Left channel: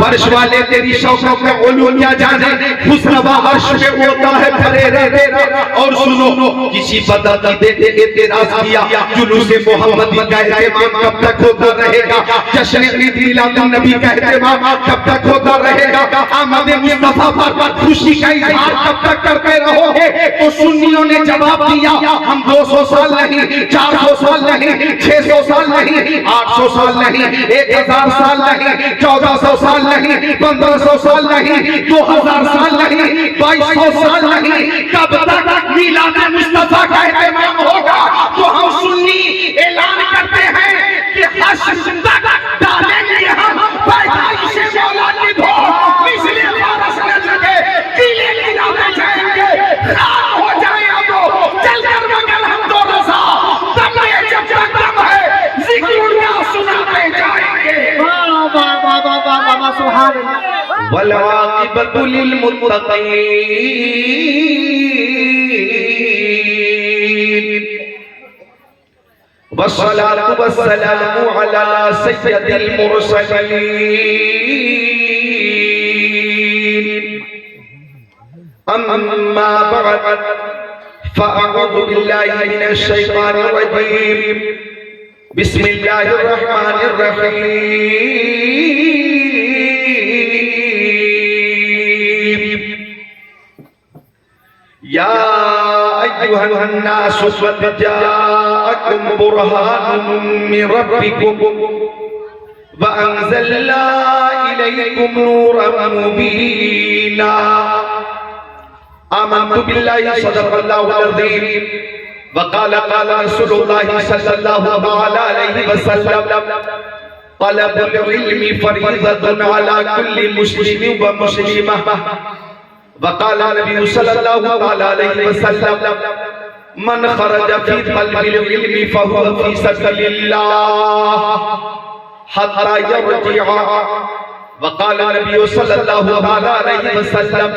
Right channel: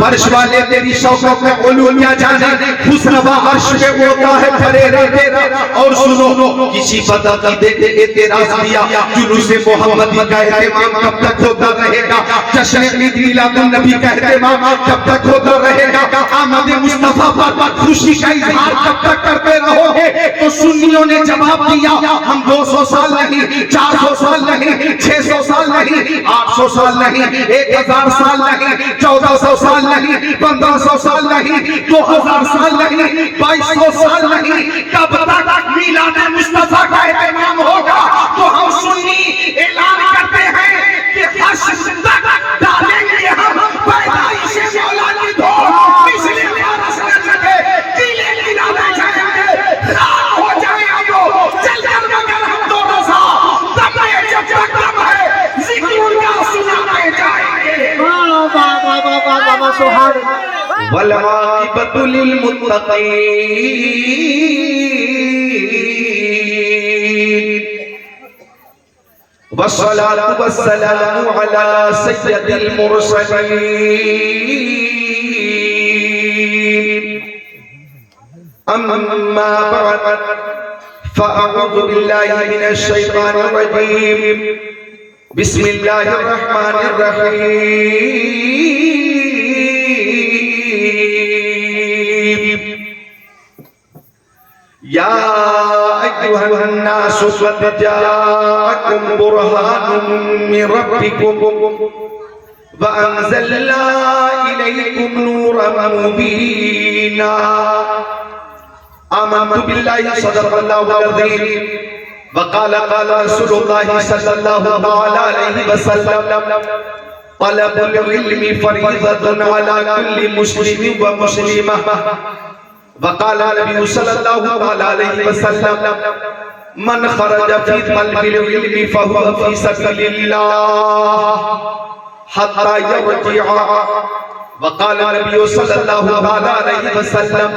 فرش والے تیری شوقوں کا علو کیا جانے، خسروا عرش پہ ہوتا ہے پھرے رہتے۔ اور سنو کسی پتہ کی دیتے اعتراض کیا، جلوس محمدی کا اہتمام کب تک ہوتا رہے گا، جشن عید میلاد النبی کا اہتمام کب تک ہوتا رہے گا، آمد مصطفیٰ پر خوشی کا اظہار کب تک کرتے رہو گے؟ تو سنیوں نے جواب دیا، ہم 200 سال نہیں، 400 سال نہیں، 600 سال نہیں، 800 سال نہیں، 1000 سال نہیں، 1400 سال نہیں، 1500 سال نہیں، 2000 سال نہیں، 2200 سال نہیں، کب تک میلاد مصطفیٰ کا اہتمام ہوگا؟ تو ہم سنی اعلان کرتے ہیں کہ حشر تک ڈالیں گے ہم پیدائش مولا کی دھوم، مثل عبارت نہ جگے قلعے گرانے جائیں گے، خاک ہو جائیں ابو چل کر مگر ہم دو رضا، دم ہے جب تک دم ہے ذکر کا سناتے جائیں گے۔ والعاقبۃ للمتقین، والصلاة والسلام على سيد المرسلين، أما بعد فأعوذ بالله من الشيطان الرجيم، بسم الله الرحمن الرحيم، يا أيها الناس قد جاءكم برهان من ربكم وأنزلنا إليكم نورا مبينا، آمنت بالله صدق الله العظيم، وقال رسول الله صلى الله عليه وسلم، طلب العلم فريضة على كل مسلم ومسلمة، وقال النبي صلى الله عليه وسلم، من خرج في طلب العلم فهو في سبيل الله حتى يرجع، وقال النبي صلى الله عليه وسلم،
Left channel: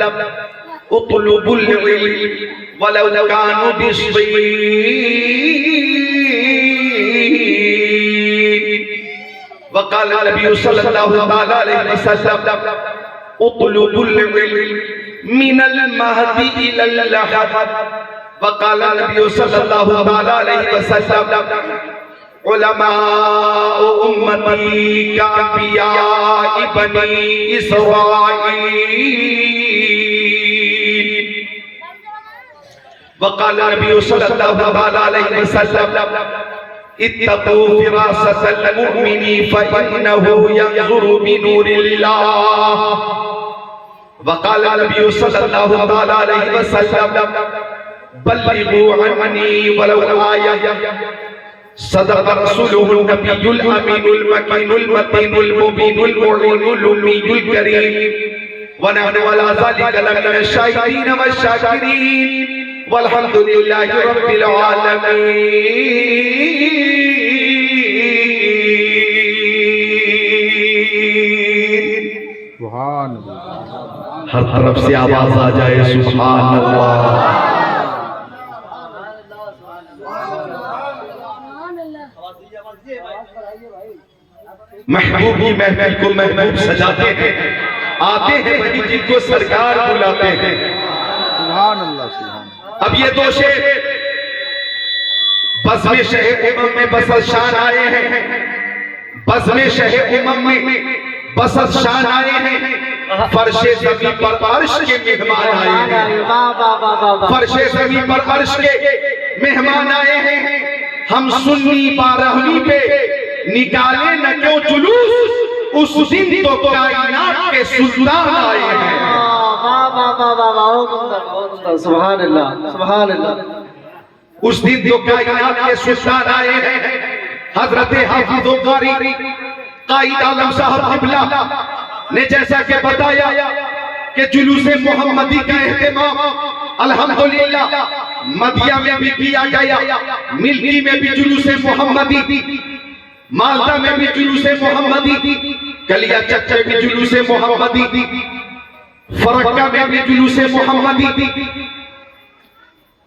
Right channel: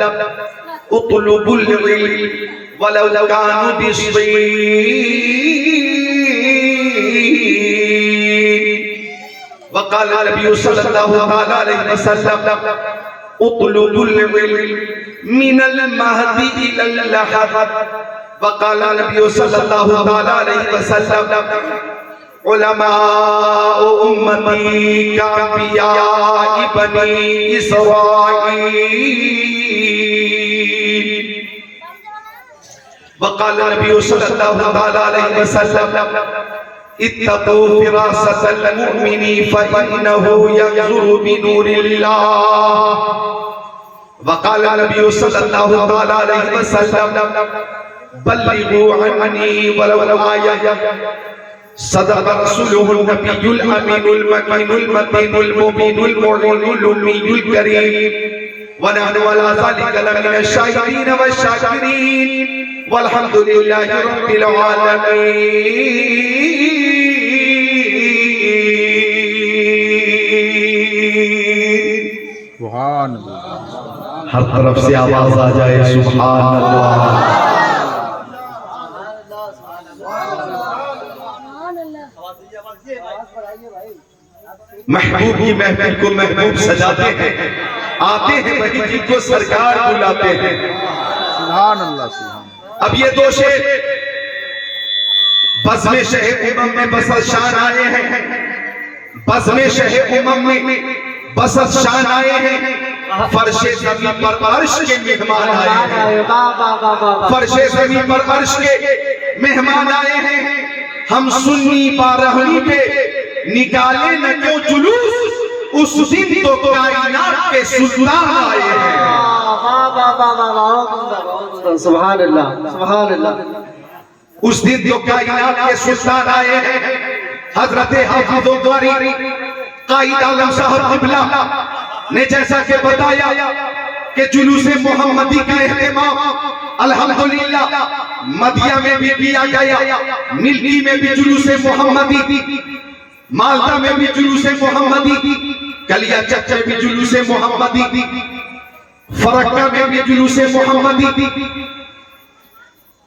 اطلبوا العلم ولو كانوا بالصين، وقال النبي صلى الله عليه وسلم، اطلبوا العلم من المهد إلى اللحد، وقال النبي صلى الله عليه وسلم، علماء أمتي كأنبياء بني إسرائيل، وقال النبي صلى الله عليه وسلم، اتقوا فراسة المؤمن فإنه ينظر بنور الله، وقال النبي صلى الله عليه وسلم، بلغوا عني ولو آية، صدق رسوله النبي الأمين المكين المتين المبين المعين الأمي الكريم، ونحن على ذلك لمن الشاهدين والشاكرين، والحمد لله رب العالمين۔ سبحان اللہ، ہر طرف سے آواز آ جائے سبحان اللہ۔ محبوب کی محفل کو محبوب سجاتے ہیں، آتے ہیں وہی جن کو سرکار بلاتے ہیں۔ سبحان اللہ، سبحان اللہ۔ اب یہ دو شعر بزم شہ امم میں بسط شان آئے ہیں، بزم شہ امم میں بسط شان آئے ہیں، فرش زمین پر عرش کے مہمان آئے ہیں، فرش زمین پر عرش کے مہمان آئے ہیں، ہم سنی بارہویں پہ نکالے نہ کیوں جلوس، اس دن تو کائنات کے سلطان آئے ہیں۔ سبحان اللہ، سبحان اللہ۔ اس دن تو کائنات کے سلطان آئے ہیں، حضرت حافظ القاری قائد عالم صاحب قبلہ نے جیسا کہ بتایا کہ جلوس محمدی کا اہتمام الحمدللہ مدیہ میں بھی کیا گیا، ملکی میں بھی جلوس محمدی، مالدہ میں بھی جلوس محمدی، کلیہ چک میں بھی جلوس محمدی، فرقہ میں بھی جلوس محمدی،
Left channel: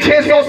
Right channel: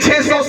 600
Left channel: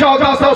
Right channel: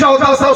1400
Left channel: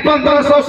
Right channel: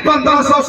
1500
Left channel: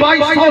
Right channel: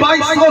2200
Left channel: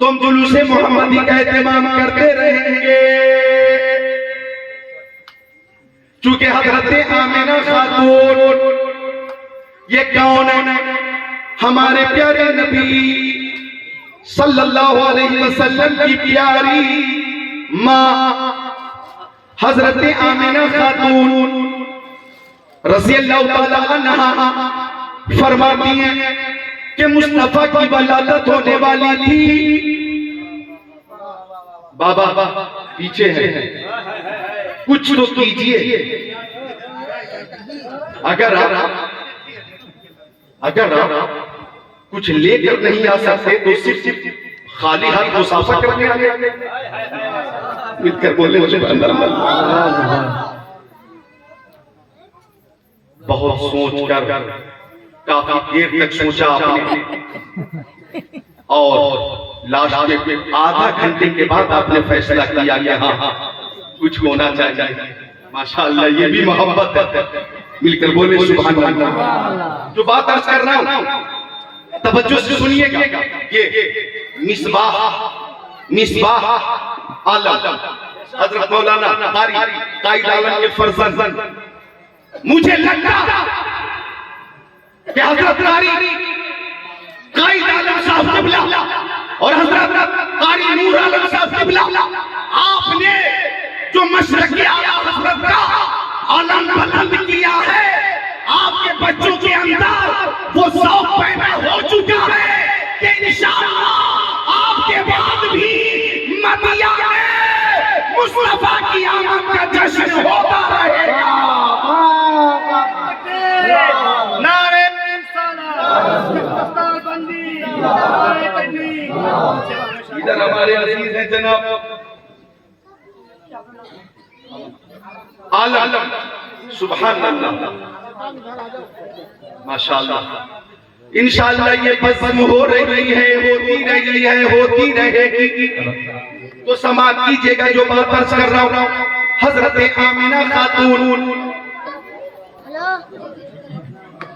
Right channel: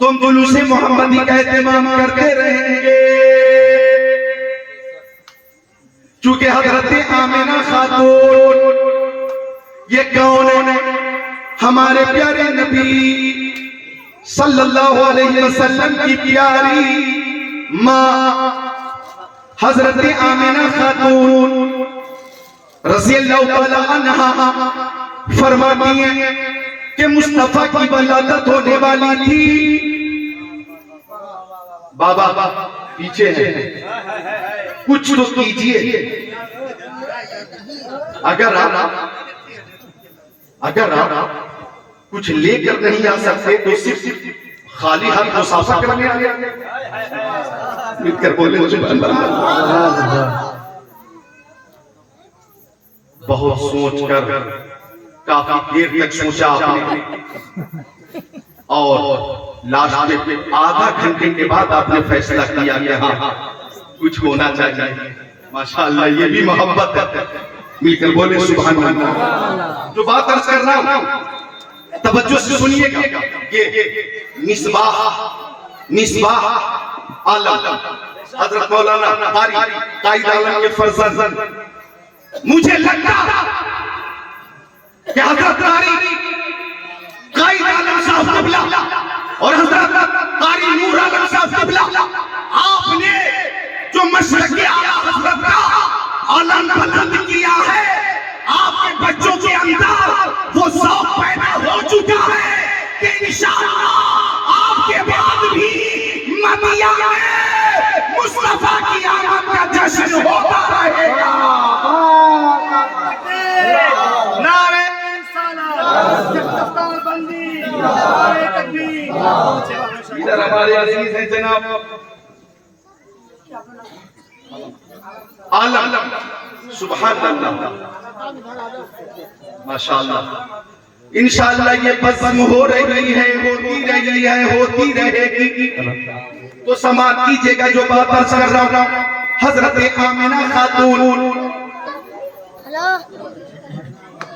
تم جلوس محمدی کا اہتمام کرتے رہیں گے، چونکہ حضرت آمنہ خاتون یہ کون ہے؟ ہمارے پیارے نبی صلی اللہ علیہ وسلم کی پیاری ماں حضرت آمنہ خاتون رضی اللہ تعالی عنہ فرماتی ہیں کہ مصطفیٰ کی ولادت ہونے والی تھی۔ بابا پیچھے ہے، کچھ تو کیجئے، اگر آپ کچھ لے کر نہیں آ سکتے تو صرف خالی ہاتھ مسافہ کرنے آ گئے، مل کر بولے سبحان اللہ۔ بہت سوچ کر کافی دیر تک سوچا آپ نے، اور لاسٹ کے آدھا گھنٹے کے بعد آپ نے فیصلہ کیا کہ ہاں کچھ ہونا چاہیے۔ ماشاءاللہ یہ بھی محبت ہے، مل کر بولے سبحان اللہ۔ جو بات عرض کر رہا ہوں توجہ سے سنیے گا، یہ مصباح عالم حضرت مولانا قاری قائد عالم کے فرزند، مجھے لگتا کہ حضرت قائد عالم صاحب قبلہ اور حضرت قاری نور عالم صاحب قبلہ، آپ نے جو مشرق اعلیٰ حضرت کا عالم بلند کیا ہے، آپ کے بچوں کے اندر وہ ذوق پیدا ہو چکا ہے کہ انشاءاللہ آپ کے بعد بھی مدینہ میں مصطفیٰ کی آمد کا جشن ہوتا رہے گا۔ نعرہ ادھر ہمارے عزیز ہیں جناب عالم، سبحان اللہ، ماشاءاللہ۔ انشاءاللہ یہ بزم ہو رہی ہے، ہوتی رہے گی، تو سماعت کیجئے گا جو بات عرض کر رہا ہوں۔ حضرت آمنہ خاتون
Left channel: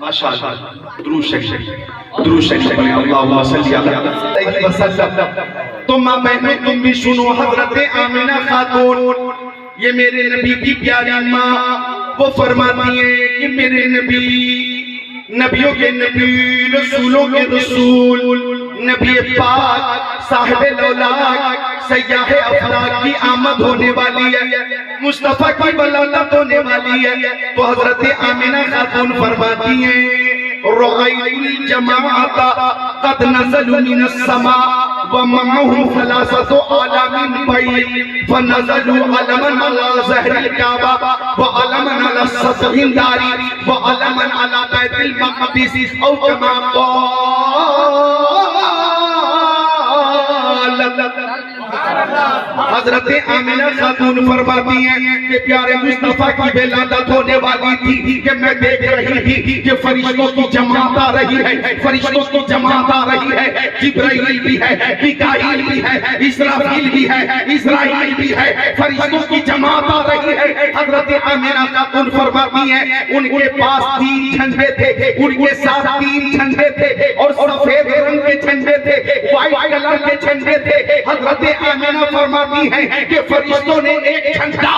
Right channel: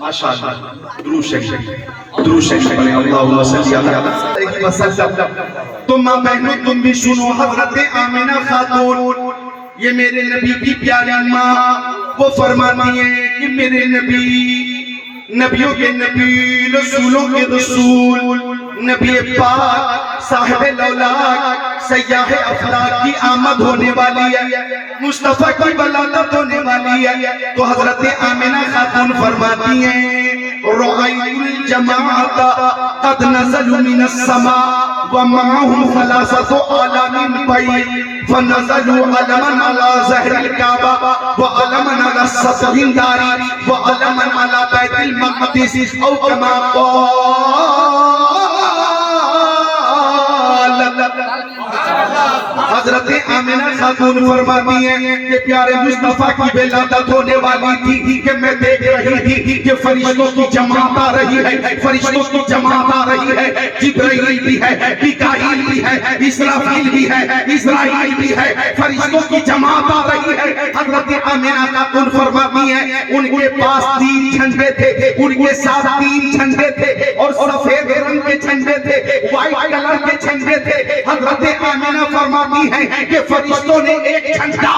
ماشاءاللہ، درود شریف اللہم صلی اللہ علیہ وسلم۔ تو ماں بہنوں تم بھی سنو، حضرت آمنہ خاتون یہ میرے نبی کی پیاری ماں، وہ فرماتی ہیں کہ میرے نبی، نبیوں کے نبی، رسولوں کے رسول، نبی پاک صاحب الاولاق سیاح افلاک کی آمد ہونے والی ہے، مصطفیٰ کی ولادت ہونے والی ہے۔ تو حضرت آمنہ خاتون فرماتی ہیں رأیت الجماعت قد نزلوا من السماء ومعهم ثلاثة آلاف بيض فنزلوا علما على ظهر الكعبة وعلما على السطح الداري وعلما على بيت المقدس أو كما قال۔ حضرت آمنہ خاتون فرماتی ہیں کہ پیارے مصطفیٰ کی ولادت ہونے والی تھی کہ میں دیکھ رہی تھی کہ فرشتوں کی جماعت آ رہی ہے، فرشتوں کی جماعت آ رہی ہے، جبرائیل بھی ہے، میکائیل بھی ہے، اسرافیل بھی ہے، اسرائیل بھی ہے، فرشتوں کی جماعت آ رہی ہے۔ حضرت آمنہ خاتون فرماتی ہیں ان کے پاس 3 جھنڈے تھے، ان کے ساتھ 3 جھنڈے تھے، اور سفید رنگ کے جھنڈے تھے، وائٹ کلر کے جھنڈے تھے۔ حضرت آمنہ فرماتی ہیں کہ فرشتوں نے ایک جھنڈا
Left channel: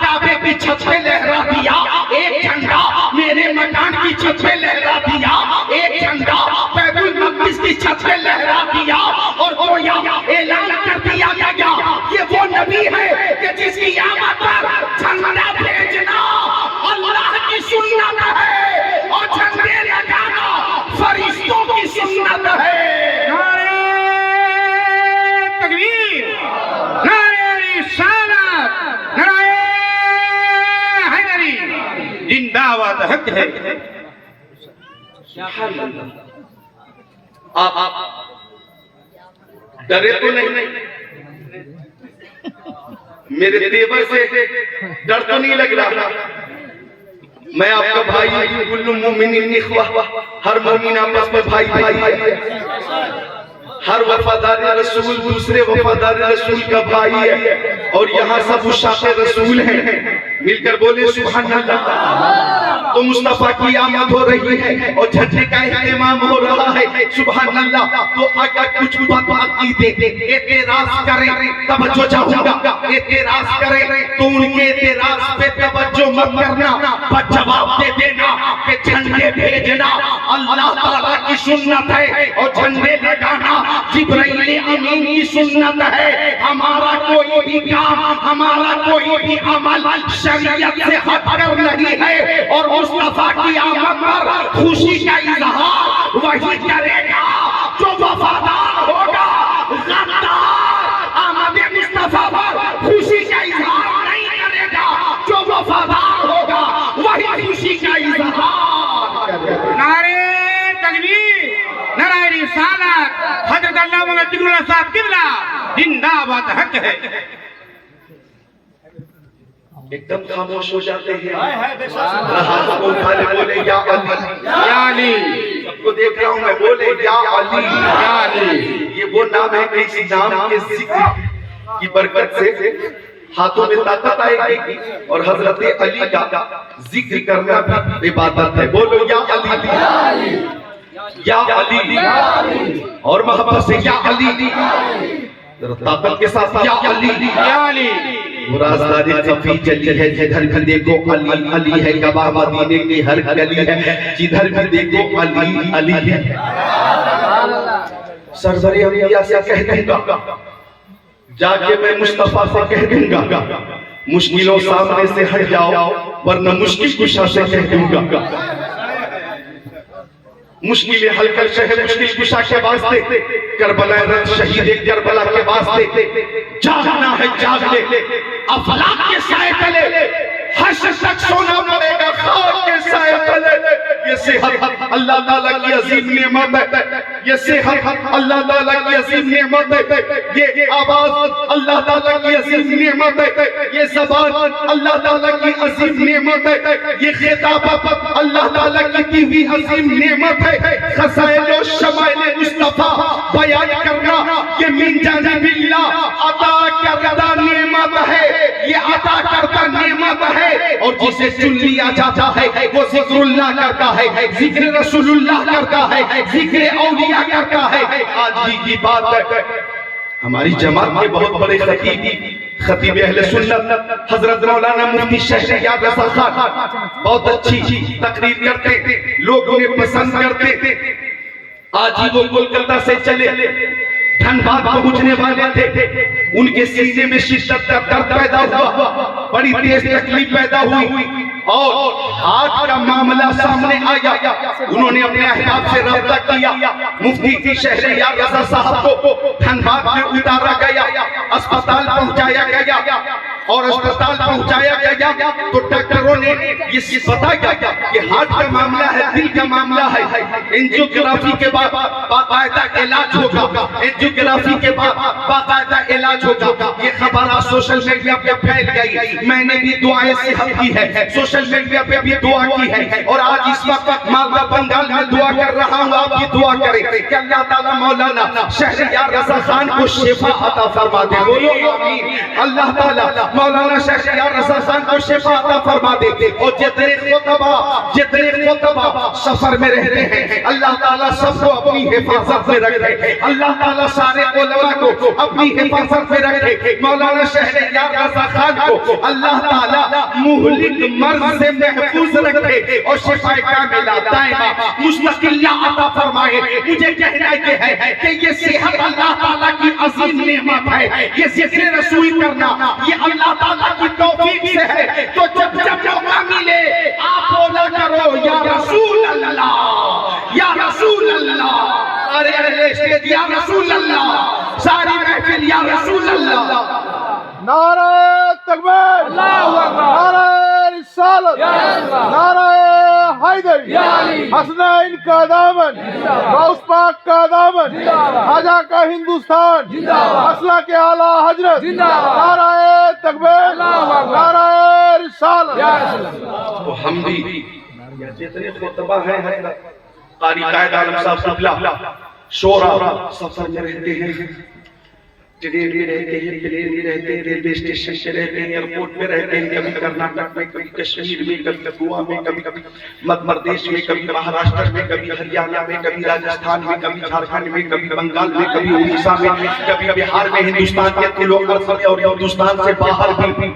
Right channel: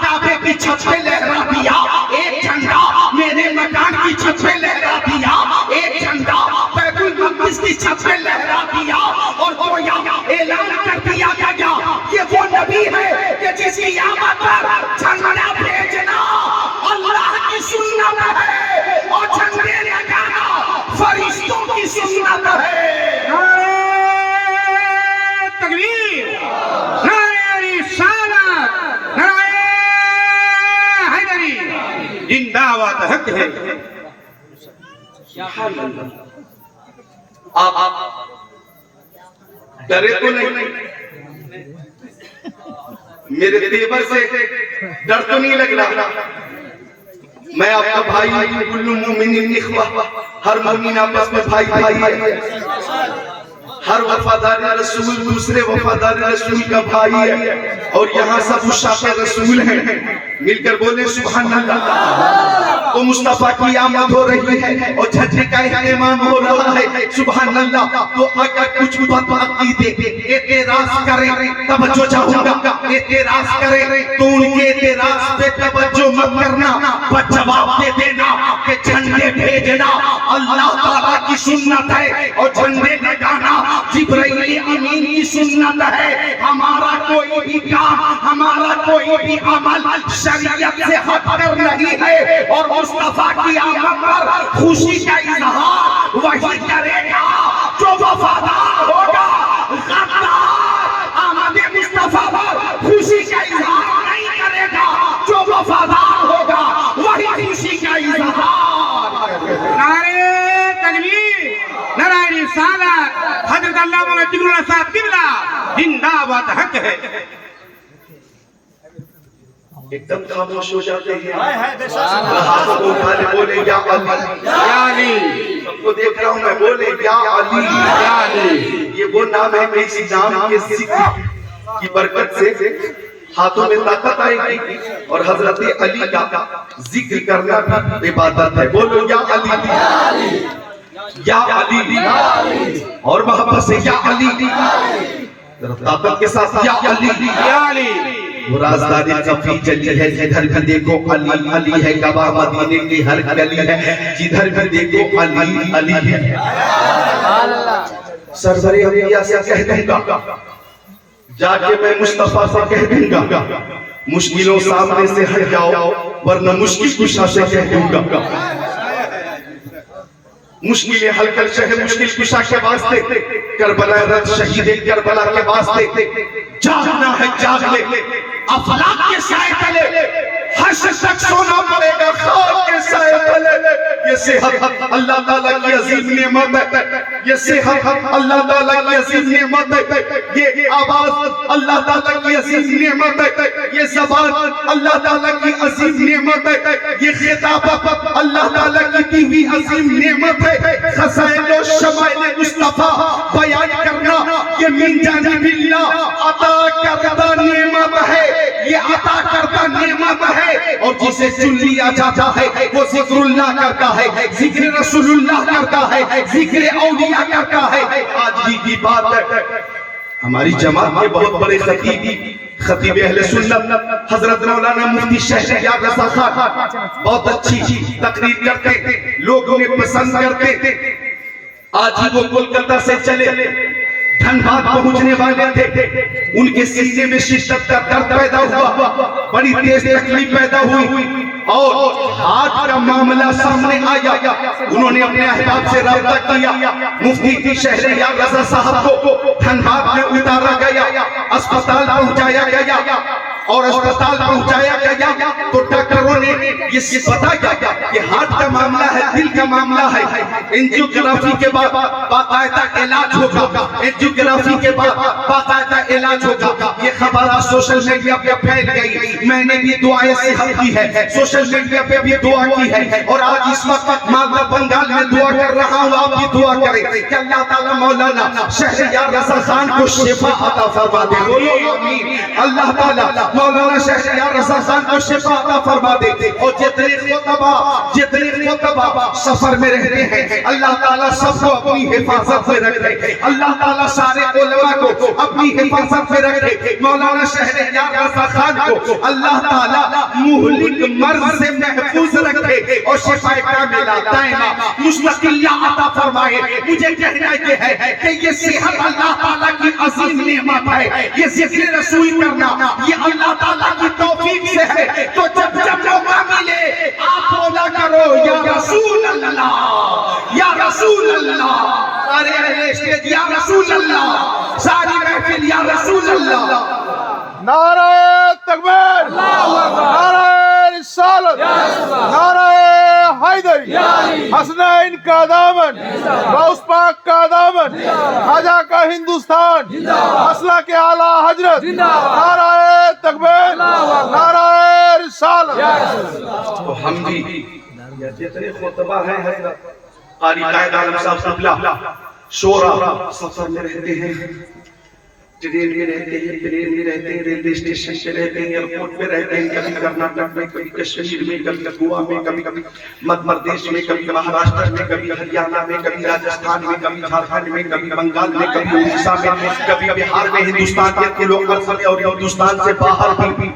کعبے کی چھت پہ لہرا دیا، ایک جھنڈا میرے مکان کی چھت پہ لہرا دیا، ایک جھنڈا بیت المقدس کی چھت پہ لہرا دیا، اور گویا اعلان کر دیا گیا یہ وہ نبی ہے کہ جس کی آمد پر جھنڈا بھیجنا اللہ کی سنت ہے، اور جھنڈے لگانا فرشتوں کی سنت ہے۔ تکبیر، نعرہ رسالت، نعرہ حیدری، زندہ باد حق ہے۔ آپ ڈرے تو نہیں؟ میرے تیور سے ڈر تو نہیں لگ رہا؟ میں آپ کا بھائی، کل مومن اخوہ، ہر مومن آپس میں بھائی ہے، ہر وفادار رسول دوسرے وفادار رسول کا بھائی ہے، اور یہاں سب عشاق رسول ہیں، مل کر بولے سبحان اللہ۔ تو مصطفیٰ کی آمد ہو رہی ہے اور جھنڈے کا اہتمام ہو رہا ہے، سبحان اللہ. تو اگر کچھ بد عقیدے اعتراض کریں توجہ چاہوں گا، اعتراض کریں تو ان کے اعتراض پہ توجہ مت کرنا، بس جواب دے دینا کہ جھنڈے بھیجنا اللہ تعالیٰ کی سنت ہے اور جھنڈے لگانا جبرائیل امین کی سنت ہے. ہمارا کوئی بھی کام، ہمارا کوئی بھی عمل شریعت سے ہٹ کر نہیں ہے، اور مصطفیٰ کی آمد پر خوشی کا اظہار وہی کرے گا جو وفادار ہوگا. غدار آمد مصطفیٰ پر خوشی کا اظہار نہیں کرے گا، جو وفادار ہوگا وہی خوشی کا اظہار کرے گا. نعرہ تکبیر، نعرہ رسالت، حضرت علامہ ذکر اللہ صاحب قبلہ زندہ باد حق ہے. ایک دم خاموش ہو جاتے ہیں، ہاتھوں کو اٹھانے بولے یا علی، یا علی. سب کو دیکھ رہا ہوں میں، بولے یا علی، یا علی. یہ وہ نام ہے کہ اسی نام کے ذکر کی برکت سے ہاتھوں میں طاقت آئے گی، اور حضرت علی کا ذکر کرنا بھی عبادت ہے. بولو یا علی، یا علی، اور محبت سے یا علی، طاقت کے ساتھ یا علی، یا علی. وہ رازداری کفی چلی ہے، جدھر بھی دیکھو علی علی ہے. گواہ مدینے کی ہر گلی ہے، جدھر بھی دیکھو علی علی ہے. سرور انبیاء سے کہہ دوں گا، جا کے میں مصطفیٰ سے کہہ دوں گا، مشکلوں سامنے سے ہٹ جاؤ ورنہ مشکل کشا سے کہہ دوں گا. مشکلیں حل کر شہر مشکل کشا کے واسطے، کربلا رد شہید کربلا کے واسطے جاگنا ہے، جاگ لے. افلاک کے سائے تلے ہر شخص سونا پڑے گا، خاک کے سائے تلے. یہ صحت اللہ تعالیٰ کی عظیم نعمت ہے، یہ صحت اللہ تعالیٰ کی عظیم نعمت ہے، یہ آواز اللہ تعالیٰ کی عظیم نعمت ہے، یہ زبان اللہ تعالیٰ کی عظیم نعمت ہے، یہ خطابت اللہ تعالیٰ کی دی ہوئی عظیم نعمت ہے. خزائن و شمائل مصطفیٰ بیان کرنا یہ من جانب اللہ عطا کردہ نعمت ہے، یہ عطا کردہ نعمت ہے. اور جسے چن لیا جاتا ہے وہ ذکر اللہ کرتا ہے، ذکر رسول اللہ کرتا ہے، ذکر اولیاء کرتا ہے. آج بھی کی بات ہے، ہماری جماعت کے بہت بڑے خطیب اہل سنت حضرت مولانا مفتی شہریار رضا خان بہت اچھی تقریر کرتے، لوگ انہیں پسند کرتے. آج ہی وہ کولکتہ سے چلے، دھنباد پہنچنے والے تھے. ان کے سینے میں شدت کا درد پیدا ہوا، بڑی تیز تکلیف پیدا ہوئی، اور ہاتھ کا معاملہ سامنے آیا. انہوں نے اپنے احباب سے رابطہ کیا، مفتی شہریار رضا صاحب کو دھنباد میں اتارا گیا، اسپتال پہنچایا گیا. اور اسپتال پہنچایا گیا تو ڈاکٹروں نے یہ بتایا کہ ہارٹ کا معاملہ ہے، دل کا معاملہ ہے. انجیوگرافی کے بعد باقاعدہ علاج ہوگا، انجیوگرافی کے بعد باقاعدہ علاج ہوگا. یہ خبر سوشل میڈیا پہ پھیل گئی. میں نے بھی دعائیں صحت کی ہے، سوشل میڈیا پہ بھی دعا کی ہے، اور آج اس وقت مالدہ بنگال میں دعا کر رہا ہوں. آپ بھی دعا کریں کہ اللہ تعالیٰ مولانا شہریار رضا خان کو شفا عطا فرما دے. بولو آمین. اللہ تعالیٰ مولانا شہریار رضا خان کو شفا عطا فرما دے. اور جتنے خطبہ سفر میں رہتے ہیں اللہ تعالیٰ سب کو اپنی حفاظت میں رکھے. اللہ تعالیٰ سارے علماء کو اپنی حفاظت میں رکھے. مولانا شہریار رضا خان کو اللہ تعالیٰ مہلک مرض سے محفوظ رکھے اور شفا کاملہ دائمہ مستقل عطا فرمائے. مجھے کہنا یہ ہے کہ یہ صحت اللہ تعالیٰ کی عظیم نعمت ہے. یہ ذکر رسول کرنا یہ اللہ تعالیٰ کی توفیق سے ہے. تو جب موقع ملے آپ بولا کرو یا رسول اللہ، یا رسول اللہ. سارے اہل اسٹیج یا رسول اللہ، ساری محفل یا رسول اللہ. نعرہ تکبیر، نعرہ رسالت، نعرہ حیدری، حسنین کا دامن، غوث پاک کا دامن، خواجہ کا ہندوستان، مسلک کے اعلیٰ حضرت. نعرہ تکبیر، نعرہ رسالت. تو ہم بھی جتنے خطبہ ہیں حضرت قاری قائد عالم صاحب قبلہ شورا سفر میں رہتے ہیں. ٹرین میں رہتے ہیں، پلین میں رہتے ہیں، ریلوے اسٹیشن پہ رہتے ہیں، ایئرپورٹ پہ رہتے ہیں، کبھی کرناٹک میں، کبھی کشمیر میں، کبھی گوا میں، کبھی مدھیہ پردیش میں، کبھی مہاراشٹر میں، کبھی ہریانہ میں، کبھی راجستھان میں، کبھی جھارکھنڈ میں، کبھی بنگال میں، کبھی اڑیسہ میں، کبھی بہار میں، ہندوستان کے لوگ اور ہندوستان سے باہر بھی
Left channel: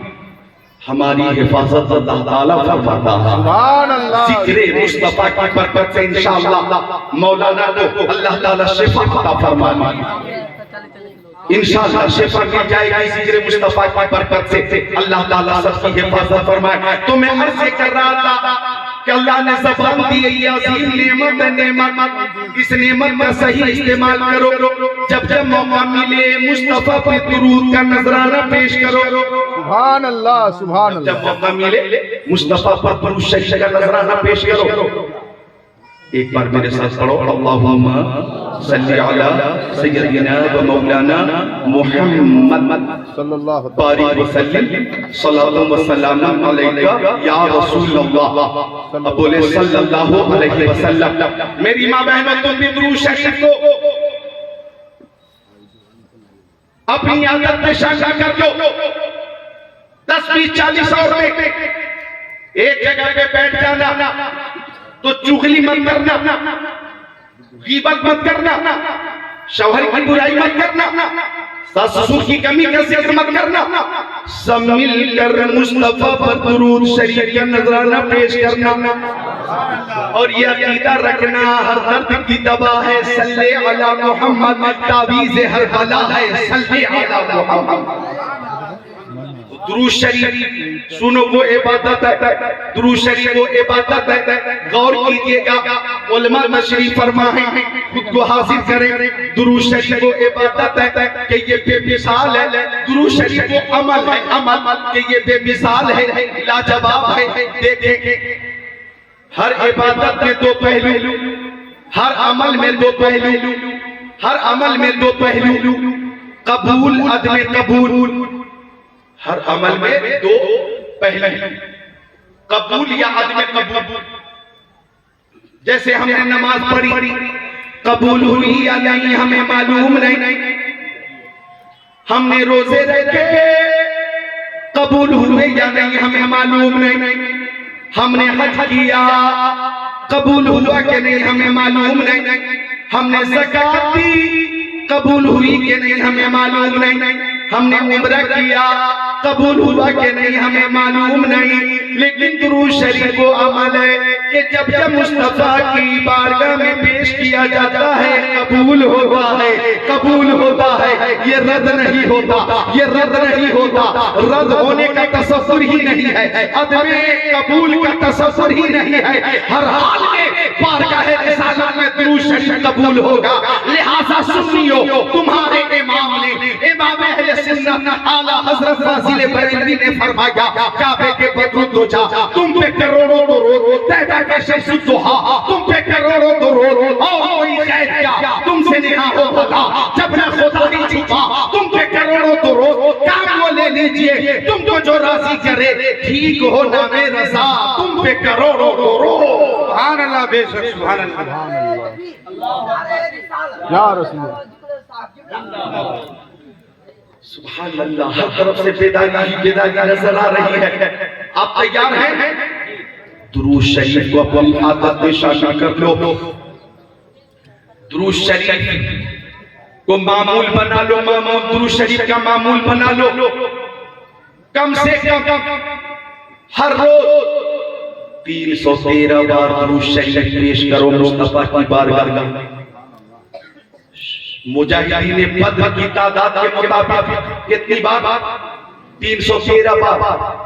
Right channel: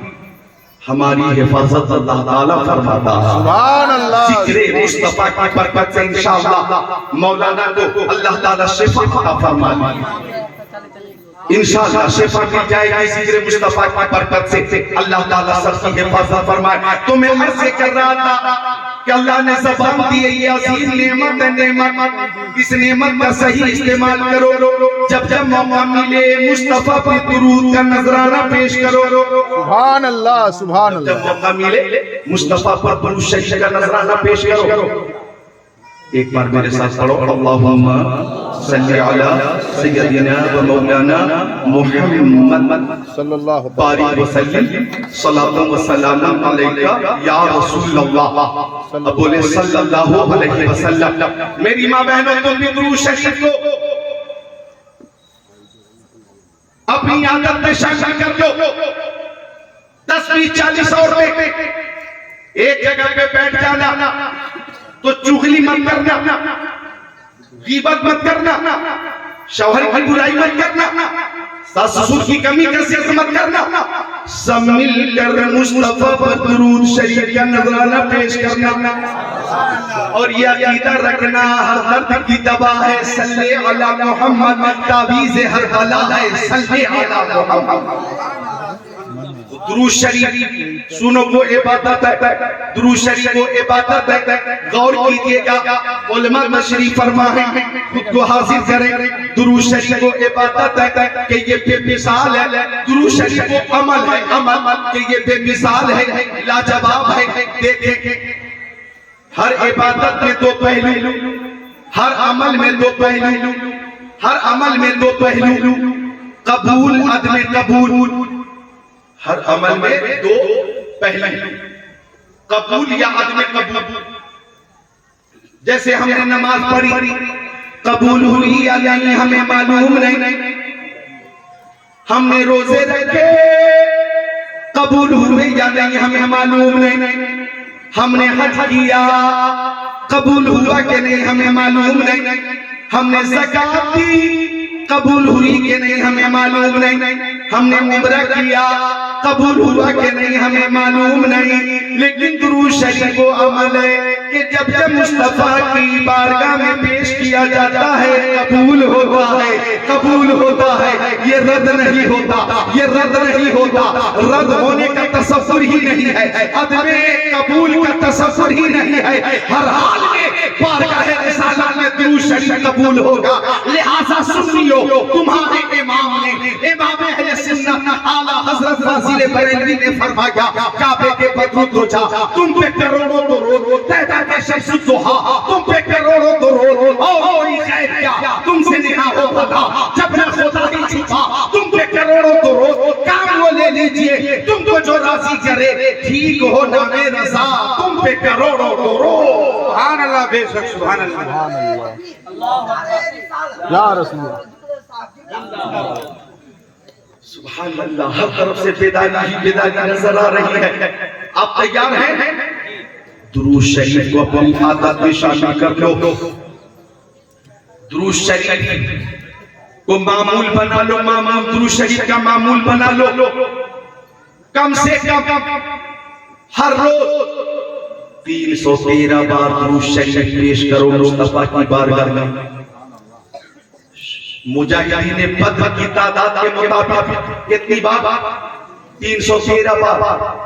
ہماری حفاظت اللہ تعالیٰ فرماتا ہے۔ سبحان اللہ، ذکر مصطفیٰ کی برکت سے انشاءاللہ مولانا کو اللہ تعالیٰ شفا عطا فرمائے، انشاءاللہ شفا مل جائے گی ذکر مصطفیٰ کی برکت سے، اللہ تعالیٰ سب کی حفاظت فرمائے۔ تو میں عرض کر رہا تھا کہ اللہ نے زبان دی ہے، یہ عظیم نعمت ہے، نعمت، اس نعمت کا صحیح استعمال کرو، جب جب موقع ملے مصطفیٰ پر درود کا نذرانہ پیش کرو، سبحان اللہ، سبحان جب اللہ۔ موقع ملے مصطفیٰ پر درود شریف کا نذرانہ پیش کرو۔ ایک بار میرے ساتھ پڑھو، اللہم صلی علی سیدنا و مولانا محمد صلی اللہ بارک وسلم، صلاۃ و سلام علیکہ یا رسول اللہ، اب بولے صلی اللہ علیہ وسلم۔ میری ماں بہنوں، تم بھی درود شریف کو اپنی عادت میں شامل کر دو۔ 10 20 40 اور میں ایک جگہ پہ بیٹھ جانا تو چغلی مت کرنا، غیبت مت کرنا، شوہر کی برائی مت کرنا، ساس سسر کی کمی کا ذکر مت کرنا، سب مل کر مصطفیٰ پر درود شریف کا نذرانہ پیش کرنا، اور یہ عقیدہ رکھنا ہر درد کی دوا ہے، صلی علی محمد، تعویذ ہر بلا ہے، صلی علی محمد۔ درود شریف سنو وہ عبادت ہے، درود شریف وہ عبادت ہے، غور کیجئے گا، علماء تشریف فرمائیں، خود کو حاضر کریں، درود شریف وہ عبادت ہے کہ یہ بے مثال ہے، درود شریف وہ عمل ہے، عمل کہ یہ بے مثال ہے، لاجواب ہے۔ دیکھیں ہر عبادت میں دو پہلو، ہر عمل میں دو پہلو، ہر عمل میں دو پہلو، قبول عدم قبول، ہر عمل میں دو پہلو، قبول یا عدم قبول۔ جیسے ہم نے نماز پڑھی، قبول ہوئی یا نہیں ہمیں معلوم نہیں، ہم نے روزے رکھے، قبول ہوئے یا نہیں ہمیں معلوم نہیں، ہم نے حج کیا، قبول ہوا کہ نہیں ہمیں معلوم نہیں، ہم نے زکوٰۃ دی، قبول ہوئی کہ نہیں ہمیں معلوم نہیں، ہم نے عمرہ کیا، قبول ہوا کہ نہیں ہمیں معلوم نہیں۔ لیکن درود شریف وہ عمل ہے کہ جب جب مصطفیٰ کی بارگاہ میں پیش کیا جاتا ہے قبول ہوتا ہے، قبول ہوتا ہے، یہ رد نہیں ہوتا، یہ رد نہیں ہوتا، رد ہونے کا تصور ہی نہیں ہے، عدم قبول کا تصور ہی نہیں ہے، ہر حال میں بارگاہ رسالت میں درود شریف قبول ہوگا۔ لہذا سنیو، تمہارے امام نے، امام اہل سنت اعلیٰ حضرت فاضل بریلوی نے فرمایا، کعبے کے بدرود دو جا، تم پہ کروڑوں درود، تہتا کے شمس الضحیٰ، تم پہ کروڑوں درود، اور کوئی خیر کیا تم سے نہ ہو بھلا، جب نہ خدا ہی چھپا، تم پہ کروڑوں درود، کام وہ لے لیجئے، تم کو جو راضی کرے، ٹھیک ہو نہ بے رضا، تم پہ کروڑوں درود۔ سبحان اللہ، بے شک سبحان اللہ۔ یا رسول اللہ، سبحان اللہ، ہر طرف سے بیداری ہی بیداری نظر آ رہی ہے۔ آپ تیار ہیں؟ درود شریف کو اپنی عادت میں شامل کر لو، درود شریف کو معمول بنا لو، درود شریف کا معمول بنا لو، کم سے کم ہر روز 313 بار درود شریف پیش کرو مصطفیٰ کی بارگاہ میں۔ مجاہدین بدر کی تعداد کے مطابق کتنی بار؟ 313 بار۔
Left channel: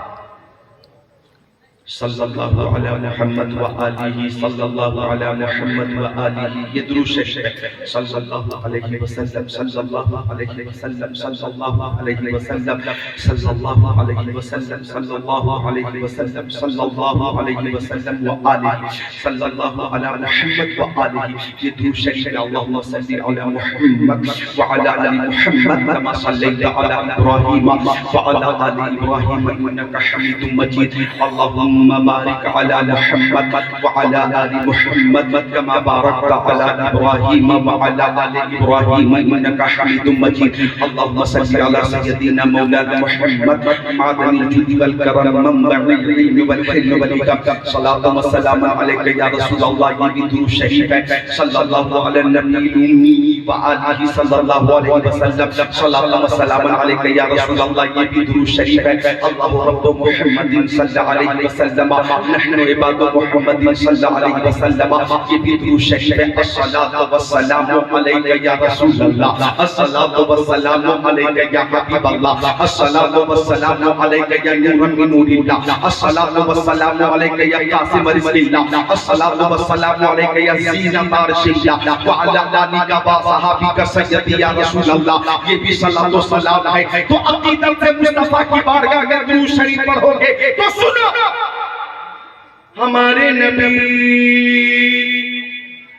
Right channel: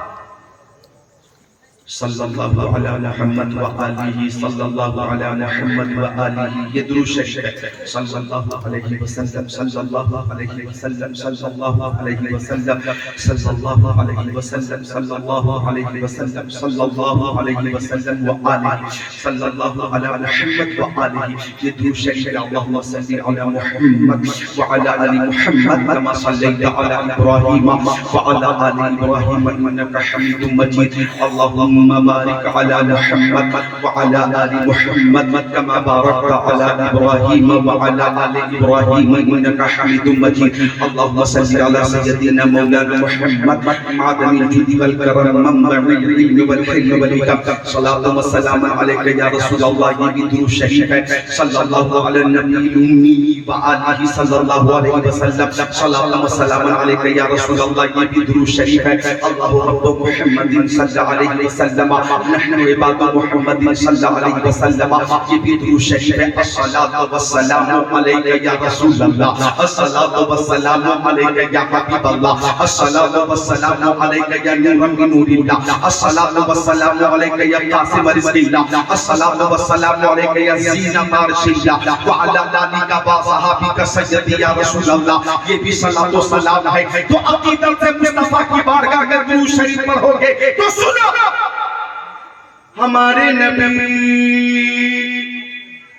صلی اللہ علی محمد وآلہ، صلی اللہ علی محمد وآلہ، یہ درود شریف ہے۔ صلی اللہ علیہ وسلم، صلی اللہ علیہ وسلم، صلی اللہ علیہ وسلم، صلی اللہ علیہ وسلم، صلی اللہ علیہ وسلم، صلی اللہ علیہ وسلم وآلہ، صلی اللہ علی محمد وآلہ، یہ درود شریف ہے۔ اللہم صلی علی محمد وعلی آل محمد کما صلیت علی ابراہیم وعلی آل ابراہیم انک حمید مجید۔ اللہم اللهم بارك على محمد وعلى آل محمد كما باركت على إبراهيم وعلى آل إبراهيم إنك حميد مجيد اللهم صل على سيدنا مولانا محمد معدن الجود والكرم منبع العلم والحلم والحكم صلاة وسلام عليك يا رسول الله یہ بھی درود شریف ہے صلی اللہ علی النبی الأمی وآلہ صلی اللہ علیہ وسلم صلاة وسلام عليك يا رسول الله یہ بھی درود شریف ہے اللہ رب محمد صلی اللہ علیہ وسلم نحن عباد محمد صلی اللہ علیہ وسلم یہ بھی درود شریف ہے الصلاة والسلام عليك يا رسول الله الصلاة والسلام عليك يا حبیب اللہ الصلاة والسلام عليك يا نور من نور الله الصلاة والسلام عليك يا قاسم رزق الله الصلاة والسلام عليك يا زینہ بارش اللہ وعلى آلك وصحابك سیدی یا رسول اللہ یہ بھی صلاة و سلام ہے تو اپنی طرف سے مصطفیٰ کی بارگاہ اگر درود شریف پڑھو گے تو سنو ہمارے نبی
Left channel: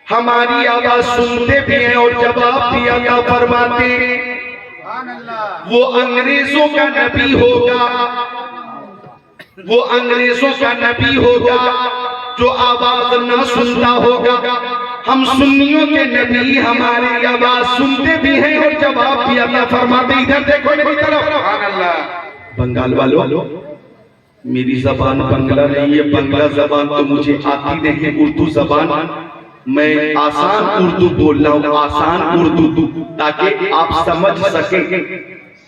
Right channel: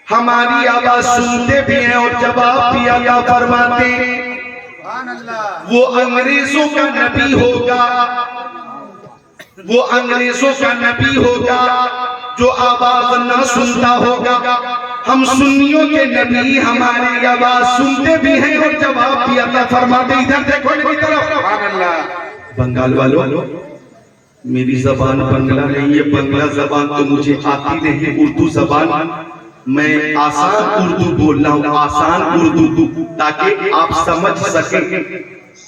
ہماری آواز سنتے بھی ہیں اور جواب بھی عطا فرماتے وہ انگریزوں کا نبی ہوگا وہ انگریزوں کا نبی ہوگا جو آواز نہ سنتا ہوگا ہم سنیوں کے نبی ہماری آواز سنتے بھی ہیں اور جواب بھی عطا فرماتے ادھر دیکھو میری طرف بنگال والو میری زبان بنگلہ نہیں ہے بنگلہ زبان تو مجھے آتی نہیں اردو زبان میں آسان اردو بول رہا ہوں آسان اردو تاکہ آپ سمجھ سکیں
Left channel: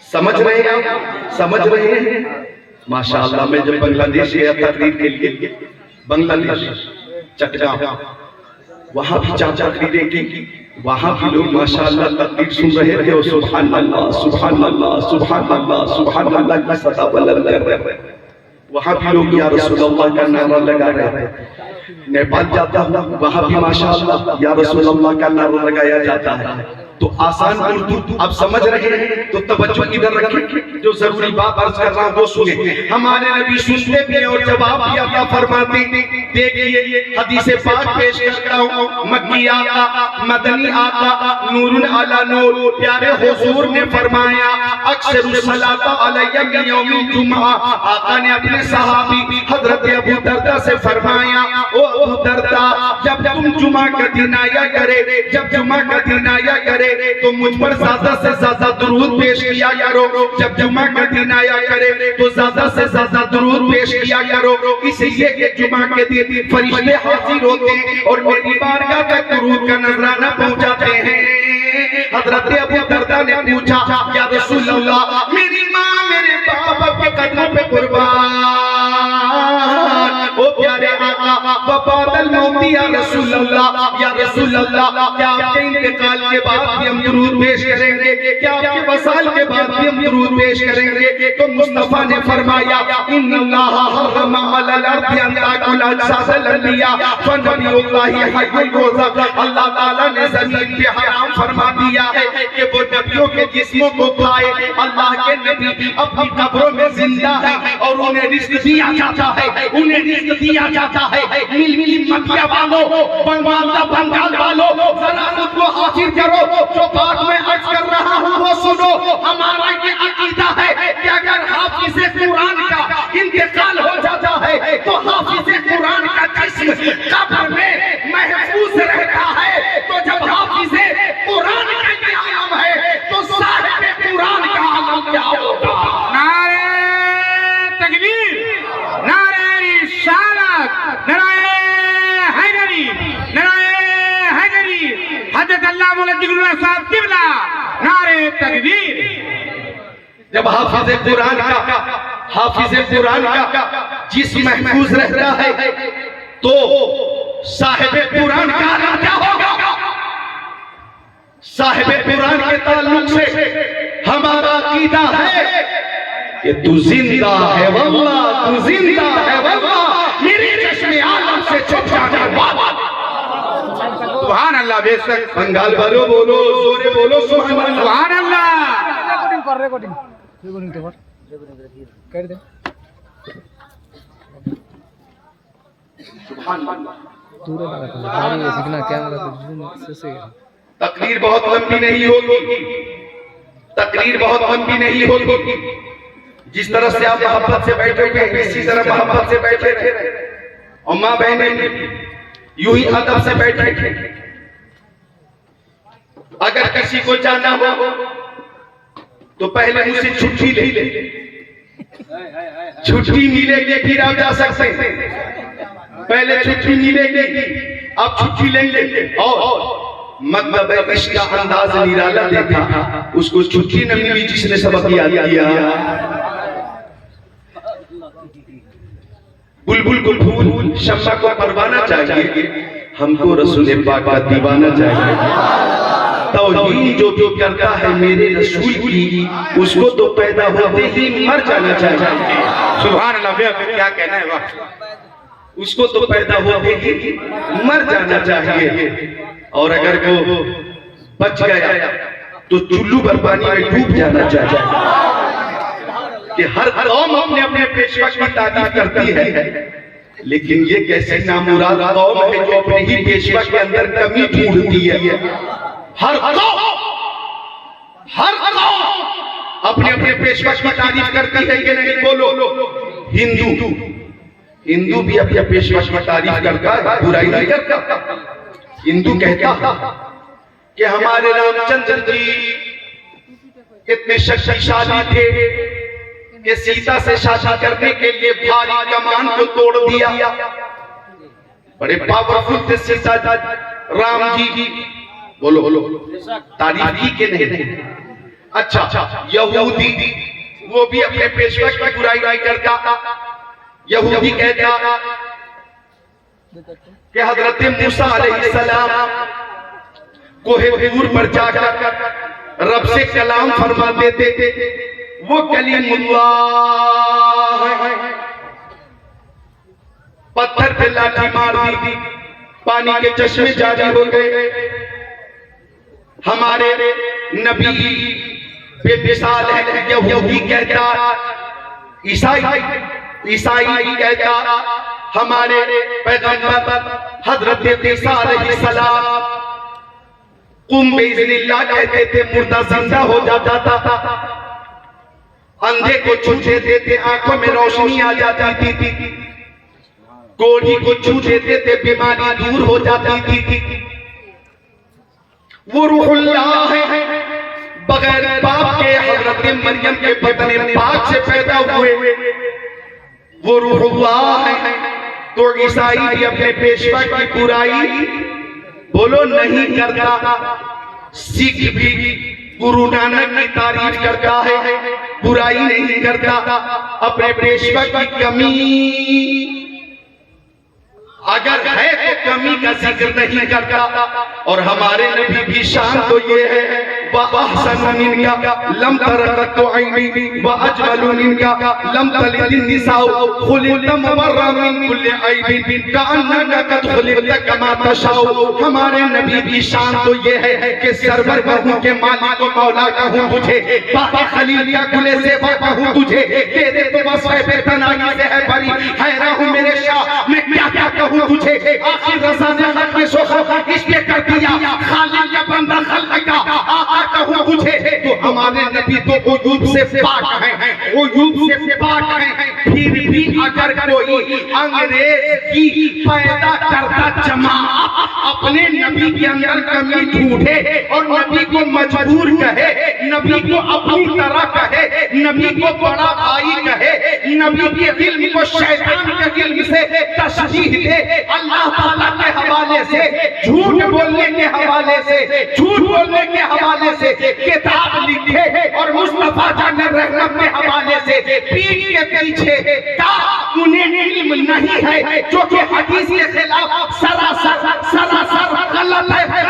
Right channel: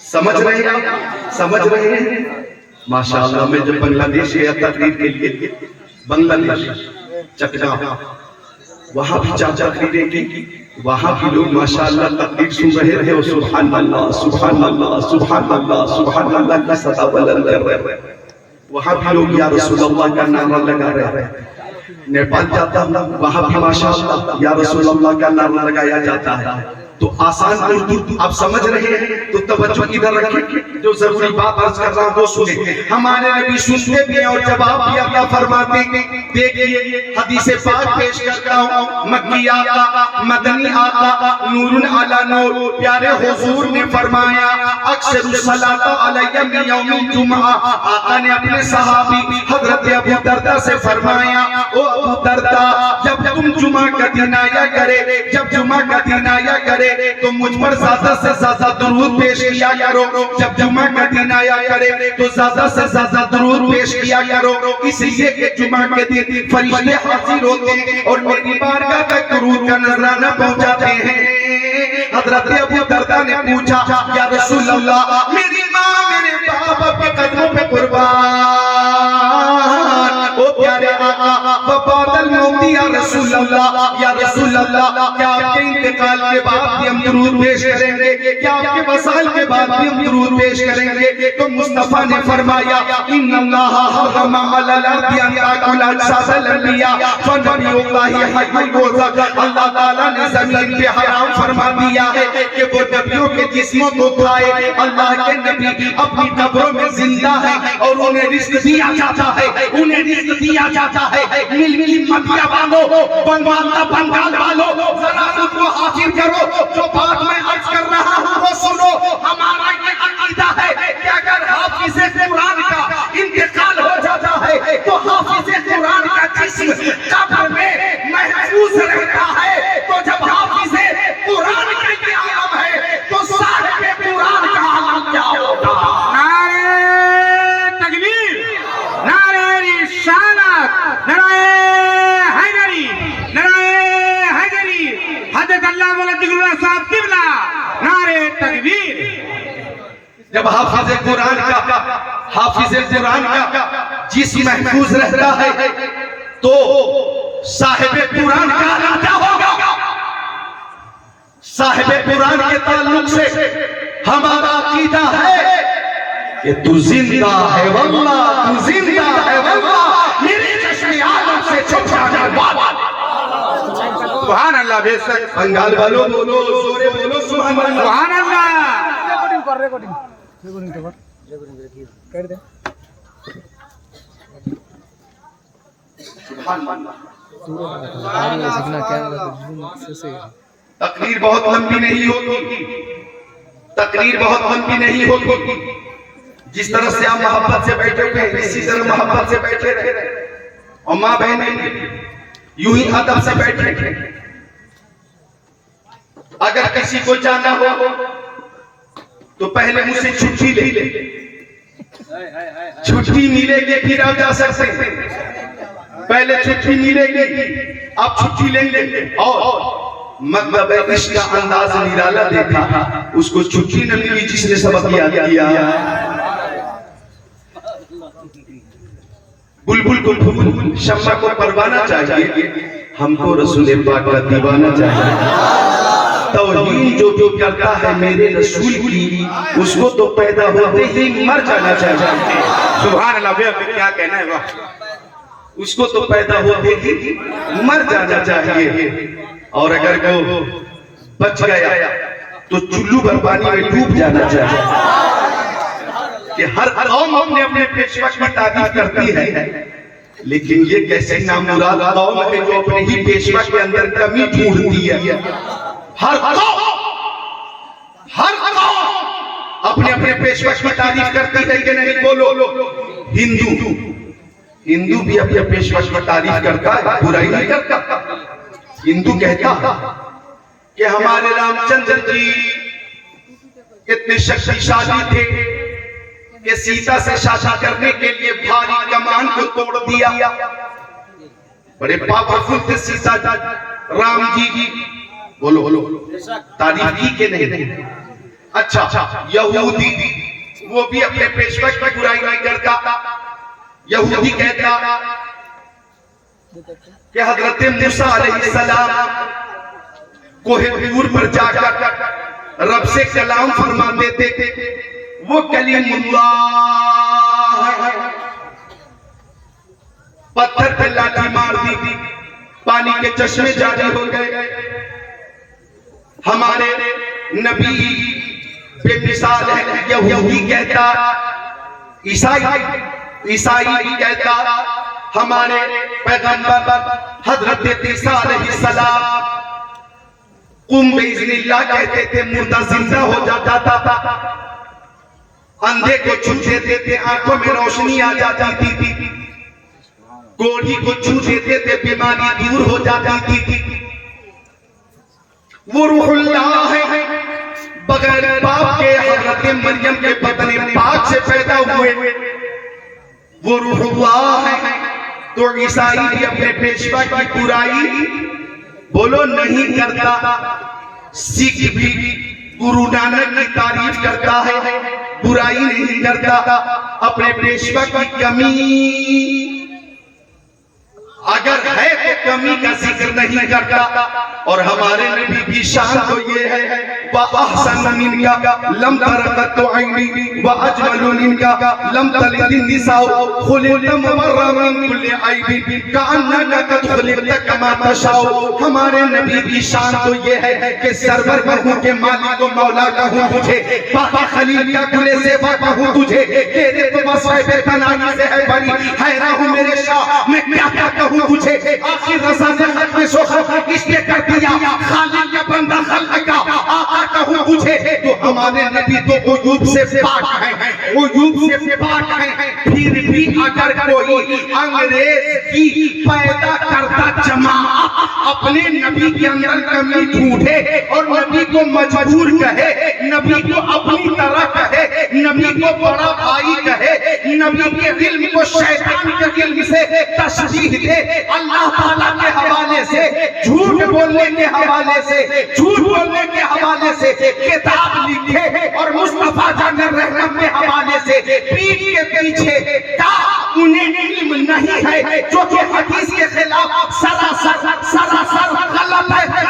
سمجھ رہے ہیں ماشاءاللہ میں جب بنگلہ دیش گیا تقریر کے لیے بنگلہ دیش چکجا وہاں بھی چاچا تقریریں کی وہاں بھی لوگ ماشاءاللہ تقریر سن رہے تھے اور سبحان اللہ سبحان اللہ سبحان اللہ سبحان اللہ کی صدا بلند کر رہے وہاں بھی لوگ یا رسول اللہ کا نعرہ لگا رہے نیپال جاتا ہوں وہاں بھی ماشاءاللہ یا رسول اللہ کا نعرہ لگایا جاتا ہے تو آسان اردو آپ سمجھ رہے ہیں تو توجہ ادھر رکھیں جو ضروری بات عرض کر رہا ہوں وہ سنیں ہمارے نبی سنتے بھی اور جواب بھی عطا فرماتے دیکھئے حدیث پاک پیش کرتا ہوں مکی آقا مدنی آقا نور علی نور پیارے حضور نے فرمایا اکثر الصلاۃ علیہ من یوم الجمعہ آقا نے اپنے صحابی حضرت ابو دردہ سے فرمایا او ابو دردہ جب تم جمعہ کا دن آیا کرے تو مجھ پر زیادہ سے زیادہ درود پیش کیا کرو جب جمعہ کا دن آیا کرے تو زیادہ سے زیادہ درود پیش کیا کرو اس لیے کہ جمعہ کے دن فرشتے حاضر ہوتے ہیں اور میری بارگاہ تک درود کا نذرانہ پہنچاتے ہیں حضرت ابو دردہ نے پوچھا یا رسول اللہ میری ماں میرے باپ کے قدموں پہ قربان او پیارے آقا وبعد الموت یا رسول اللہ کیا آپ کے انتقال کے بعد بھی ہم درود پیش کریں گے کیا آپ کے وصال کے بعد بھی ہم درود پیش کریں گے تو مصطفیٰ نے فرمایا ان اللہ حرم علی الارض ان تاکل اجساد الانبیاء فنبی اللہ حی الرزق اللہ تعالیٰ نے زمین پہ حرام فرما دیا ہے کہ وہ نبیوں کے جسموں کو کھائے اللہ کے نبی اپنی قبروں میں زندہ ہے اور انہیں رزق دیا جاتا ہے ملی مدیہ والوں بنگال والوں ذرا سب کو حاضر کرو جو بات میں عرض کر رہا ہوں وہ سنو ہمارا یہ عقیدہ ہے کہ اگر حافظ قرآن کا انتقال ہو جاتا ہے تو حافظ قرآن کا جسم قبر میں محفوظ رہتا ہے تو جب حافظ قرآن کا یہ عالم ہے تو صاحب قرآن کا عالم کیا ہوگا نعرہ تکبیر نعرہ رسالت نعرہ حیدری حضرت اللہ مولا ذکر اللہ صاحب قبلہ نعرہ تکبیر جب حافظ قرآن کا جسم محفوظ رہتا ہے تو صاحب قرآن کا عالم کیا ہوگا صاحب قرآن کے تعلق سے ہمارا عقیدہ ہے کہ تو زندہ ہے واللہ میری چشم عالم سے چھپ جانے والا سبحان اللہ بے شک بنگال والوں بولو زورے بولو سبحان اللہ سبحان اللہ ریکارڈنگ کر دے سبحان اللہ تقریر بہت لمبی نہیں ہوگی جس طرح سے آپ محبت سے بیٹھے ہوئے ہیں اسی طرح محبت سے بیٹھے رہے، اور ماں بہنیں یوں ہی ادب سے بیٹھے رہے۔ اگر کسی کو جانا ہو تو پہلے مجھ سے چھٹی لے لے، چھٹی ملے گی پھر آپ جا سکتے ہیں، پہلے چھٹی ملے گی آپ چھٹی لیں گے، اور مطلب عشق کا انداز نرالا دیکھا، اس کو چھٹی نہ ملی جس نے سبق یاد کیا۔ بلبل کو پھول، شمع کو پروانہ چاہیے، ہم کو رسول پاک کا دیوانہ چاہیے۔ توہین جو کرتا ہے میرے رسول کی، اس کو تو پیدا ہوتے ہی مر جانا چاہیے۔ سبحان اللہ، کیا کہنا ہے واہ، اس کو تو پیدا ہوتے ہی مر جانا چاہیے، اور اگر وہ بچ گیا تو چلو بھر پانی میں ڈوب جانا چاہیے۔ کہ ہر قوم اپنے اپنے پیشوا کی تعریف کرتی ہے، لیکن یہ کیسے نامراد قوم ہے جو اپنے ہی پیشوا کے اندر کمی ڈھونڈتی ہے۔ ہر قوم اپنے اپنے پیشوا کی تعریف کرتی ہے کہ نہیں؟ بولو۔ ہندو بھی اپنے پیشوا کی تعریف کرتا ہے، برائی نہیں کرتا۔ ہندو کہتا کہ ہمارے رام چندر جی اتنے شکتیشالی تھے کہ سیتا سے شادی کرنے کے لیے بھاری کمان کو توڑ دیا، بڑے پاورفل تھے سیتا رام جی۔ بولو تعریف کی کہ نہیں؟ اچھا، یہودی وہ بھی اپنے پیشوا کی برائی نہیں کرتا۔ یہودی کہتا کہ حضرت موسیٰ علیہ السلام کوہ طور پر جا کر رب سے کلام فرماتے تھے، وہ کلیم اللہ ہے۔ پتھر پہ لاٹھی مار دی، پانی کے چشمے جاری ہو گئے۔ ہمارے نبی بے مثال ہے، یہودی کہتا، عیسائی کہتا، ہمارے پیغمبر حضرت عیسیٰ علیہ السلام قم بإذن اللہ کہتے تھے، مردہ زندہ ہو جاتا تھا، اندھے کو چھو دیتے تھے، آنکھوں میں روشنی آ جاتی تھی، کوڑھی کو چھو دیتے تھے، بیماری دور ہو جاتی تھی۔ وہ روح اللہ ہے، بغیر باپ کے حضرت مریم کے بدن پاک سے پیدا ہوئے، وہ روح اللہ ہے۔ تو عیسائی بھی اپنے پیشوا کی برائی بولو نہیں کرتا، سکھ بھی گرو نانک کی تعریف کرتا ہے، برائی نہیں کرتا، اپنے پیشوا کی کمی اگر ہے تو کمی کا ذکر نہیں کرتا۔ اور ہمارے نبی کی شان تو یہ ہے، وَأَحْسَنَ مِنْكَ لَمْ تَرَقَتُ عَيْنِي وَأَجْمَلُ مِنْكَ لَمْ تَلِدِ النِّسَاءُ خُلِقْتَ مُبَرَّأً مِنْ كُلِّ عَيْبٍ كَأَنَّكَ قَدْ خُلِقْتَ كَمَا تَشَاءُ۔ ہمارے نبی کی شان تو یہ ہے کہ سرور کہوں کہ مالک و مولا کہوں تجھے، باقی خلیل کا گلے زیبا کہوں تجھے، تیرے تو وصف تنائی سے ہے بری، حیران ہوں میرے شاہ میں کیا کیا کہوں تجھے۔ آخر رضا نے حق میں سوخ اس نے کر دیا، خالق کا بندہ خلق کا آقا کہوں تجھے۔ تو ہمارے نبی تو عیوب سے پاک ہیں، عیوب سے پاک ہیں، پھر بھی اگر کوئی انگریز کی پیدا کرتا جماعت اپنے نبی کے اندر کمی ڈھونڈے اور نبی کو مجبور کہے، نبی کو اپنی طرح کہے، نبی کو بڑا بھائی کہے، نبی کے علم کو شیطان کے علم سے تشبیہ دے، اللہ تعالیٰ کے حوالے سے، جھوٹ بولنے کے حوالے سے، جھوٹ بولنے کے حوالے سے کتاب لکھے، اور مصطفیٰ جان رحمت کے حوالے سے پیٹ کے پیچھے انہیں علم نہیں ہے، جو کہ حدیث کے خلاف سراسر غلط ہے۔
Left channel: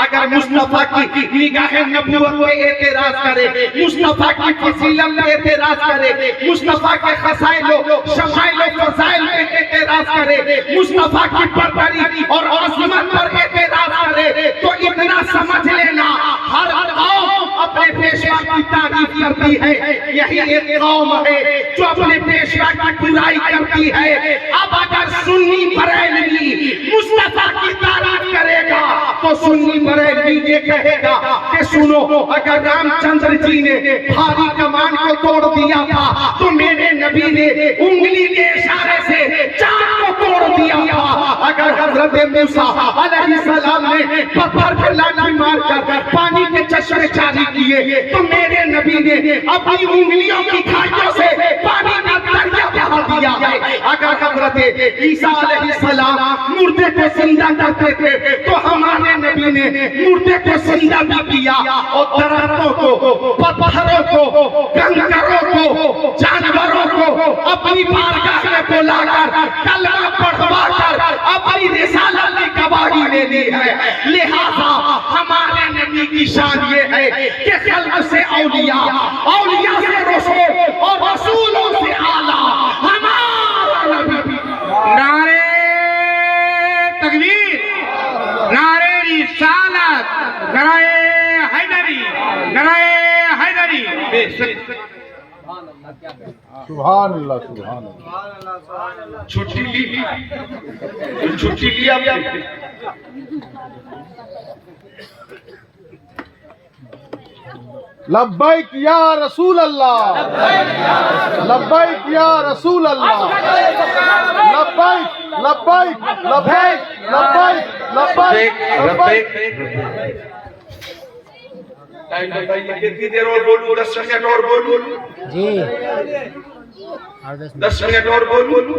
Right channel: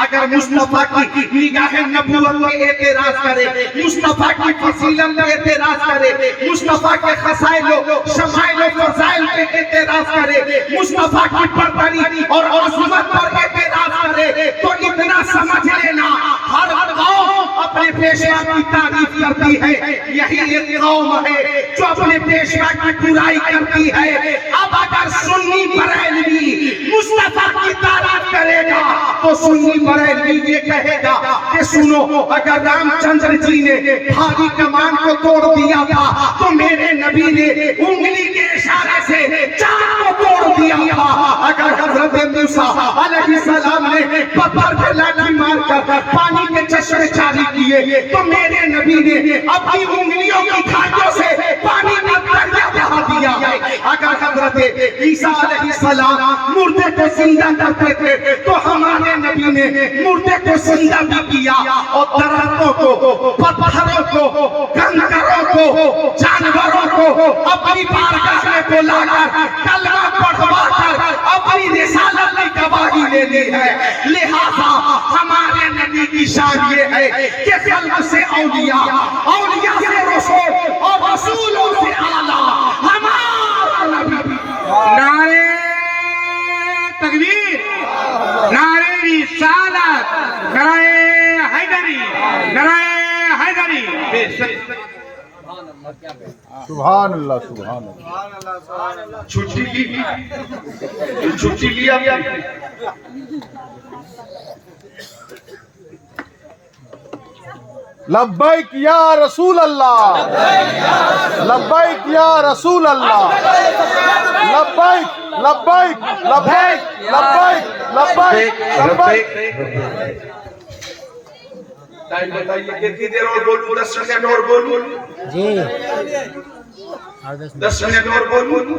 اگر مصطفیٰ کی نگاہ نبوت پہ اعتراض کرے، مصطفیٰ کی فضیلت پہ اعتراض کرے، مصطفیٰ کے خصائل و شمائل و فضائل پہ اعتراض کرے، مصطفیٰ کی برتری اور عظمت پر اعتراض کرے، تو اتنا سمجھ لینا ہر قوم اپنے پیشوا کی تعریف کرتی ہے، یہی ایک قوم ہے جو اپنے پیشوا کی برائی کرتی ہے۔ اب اگر سنی بریلوی مصطفیٰ کی تعریف کرے گا تو سنی بریلوی یہ کہے گا کہ باتیں سنو. اگر رام چندر جی نے بھاری کمان کو توڑ دیا تھا تو میرے نبی نے انگلی کے اشارے سے چاند کو توڑ دیا تھا. اگر حضرت موسیٰ علیہ السلام نے پتھر پہ لاٹھی مار کر پانی کے چشمے جاری کیے تو میرے نبی نے اپنی انگلیوں کی دھاریوں سے پانی کا دریا بہا دیا ہے. اگر حضرت عیسیٰ علیہ السلام مردے کو زندہ کرتے تھے تو ہمارے نبی نے مردے کو زندہ بھی کیا اور درختوں کو، پتھروں کو، کنکروں کو، جانوروں کو اپنی بارگاہ میں بلا کر کلمہ پڑھوا کر اپنی رسالت کی گواہی لے لی ہے. لہذا ہمارے نبی کی شان یہ ہے کہ خلق سے اولیاء، اولیاء سے رسول اور رسولوں سے اعلیٰ ہمارا نبی. نعرہ تکبیر، نعرہ رسالت، نعرہ حیدری، نعرہ حیدری. سبحان اللہ سبحان اللہ. چھٹی لی، چھٹی لی آپ نے. لبیک یا رسول اللہ، لبیک یا رسول اللہ، لبیک لبیک لبیک لبیک لبیک لبیک. کتنی دیر اور بولوں؟ 10 سیکنڈ اور بولوں جی، 10 منٹ اور بولوں.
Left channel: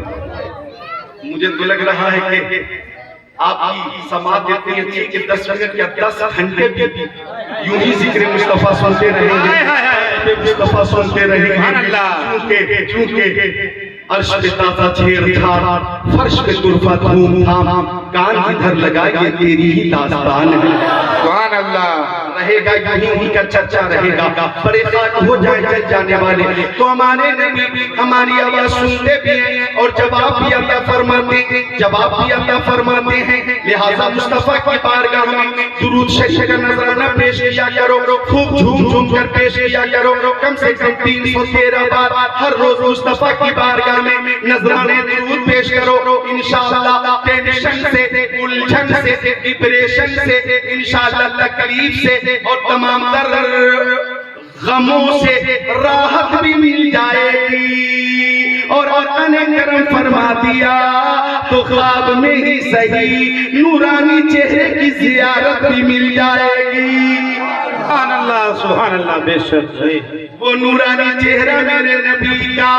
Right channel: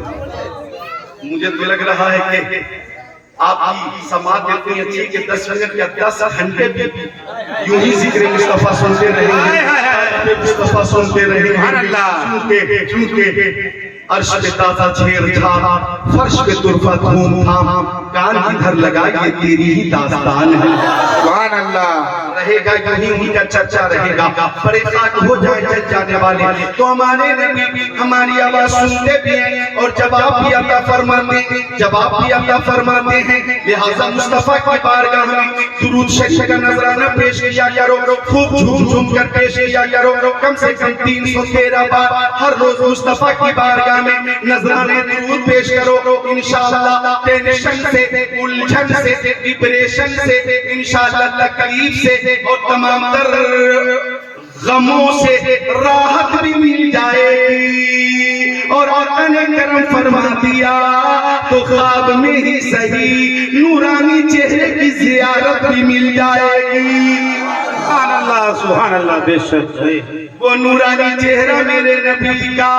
مجھے تو لگ رہا ہے کہ آپ کی سماعت اتنی اچھی کہ 10 منٹ یا 10 گھنٹے بھی یوں ہی ذکر مصطفیٰ سنتے رہیں گے، مصطفیٰ سنتے رہیں گے. چونکہ عرش پہ تازہ چھیڑ چھاڑ، فرش پہ طرفہ دھوم دھام، کان ادھر لگائے تیری ہی داستان ہے. سبحان اللہ. رہے گا یہیں کا چرچا رہے گا. بڑے خاک ہو جائے چل جانے والے تو ہمارے نبی ہماری آواز سنتے بھی ہیں اور جواب بھی عطا فرماتے ہیں، جواب بھی عطا فرماتے ہیں. لہذا مصطفیٰ کی بارگاہ میں درود شریف کا نذرانہ پیش کیا کرو، خوب جھوم جھوم کر پیش کیا کرو. کم سے کم 313 بار ہر روز مصطفیٰ کی بارگاہ میں نذرانے درود پیش کرو. انشاءاللہ ٹینشن سے، الجھن سے، ڈپریشن سے، انشاءاللہ تکلیف سے اور تمام تر غموں سے راحت بھی مل جائے گی. اور آقا نے کرم فرما دیا تو خواب میں ہی صحیح نورانی چہرے کی زیارت بھی مل جائے گی. سبحان اللہ سبحان اللہ. بے شک وہ نورانی چہرہ میرے نبی کا.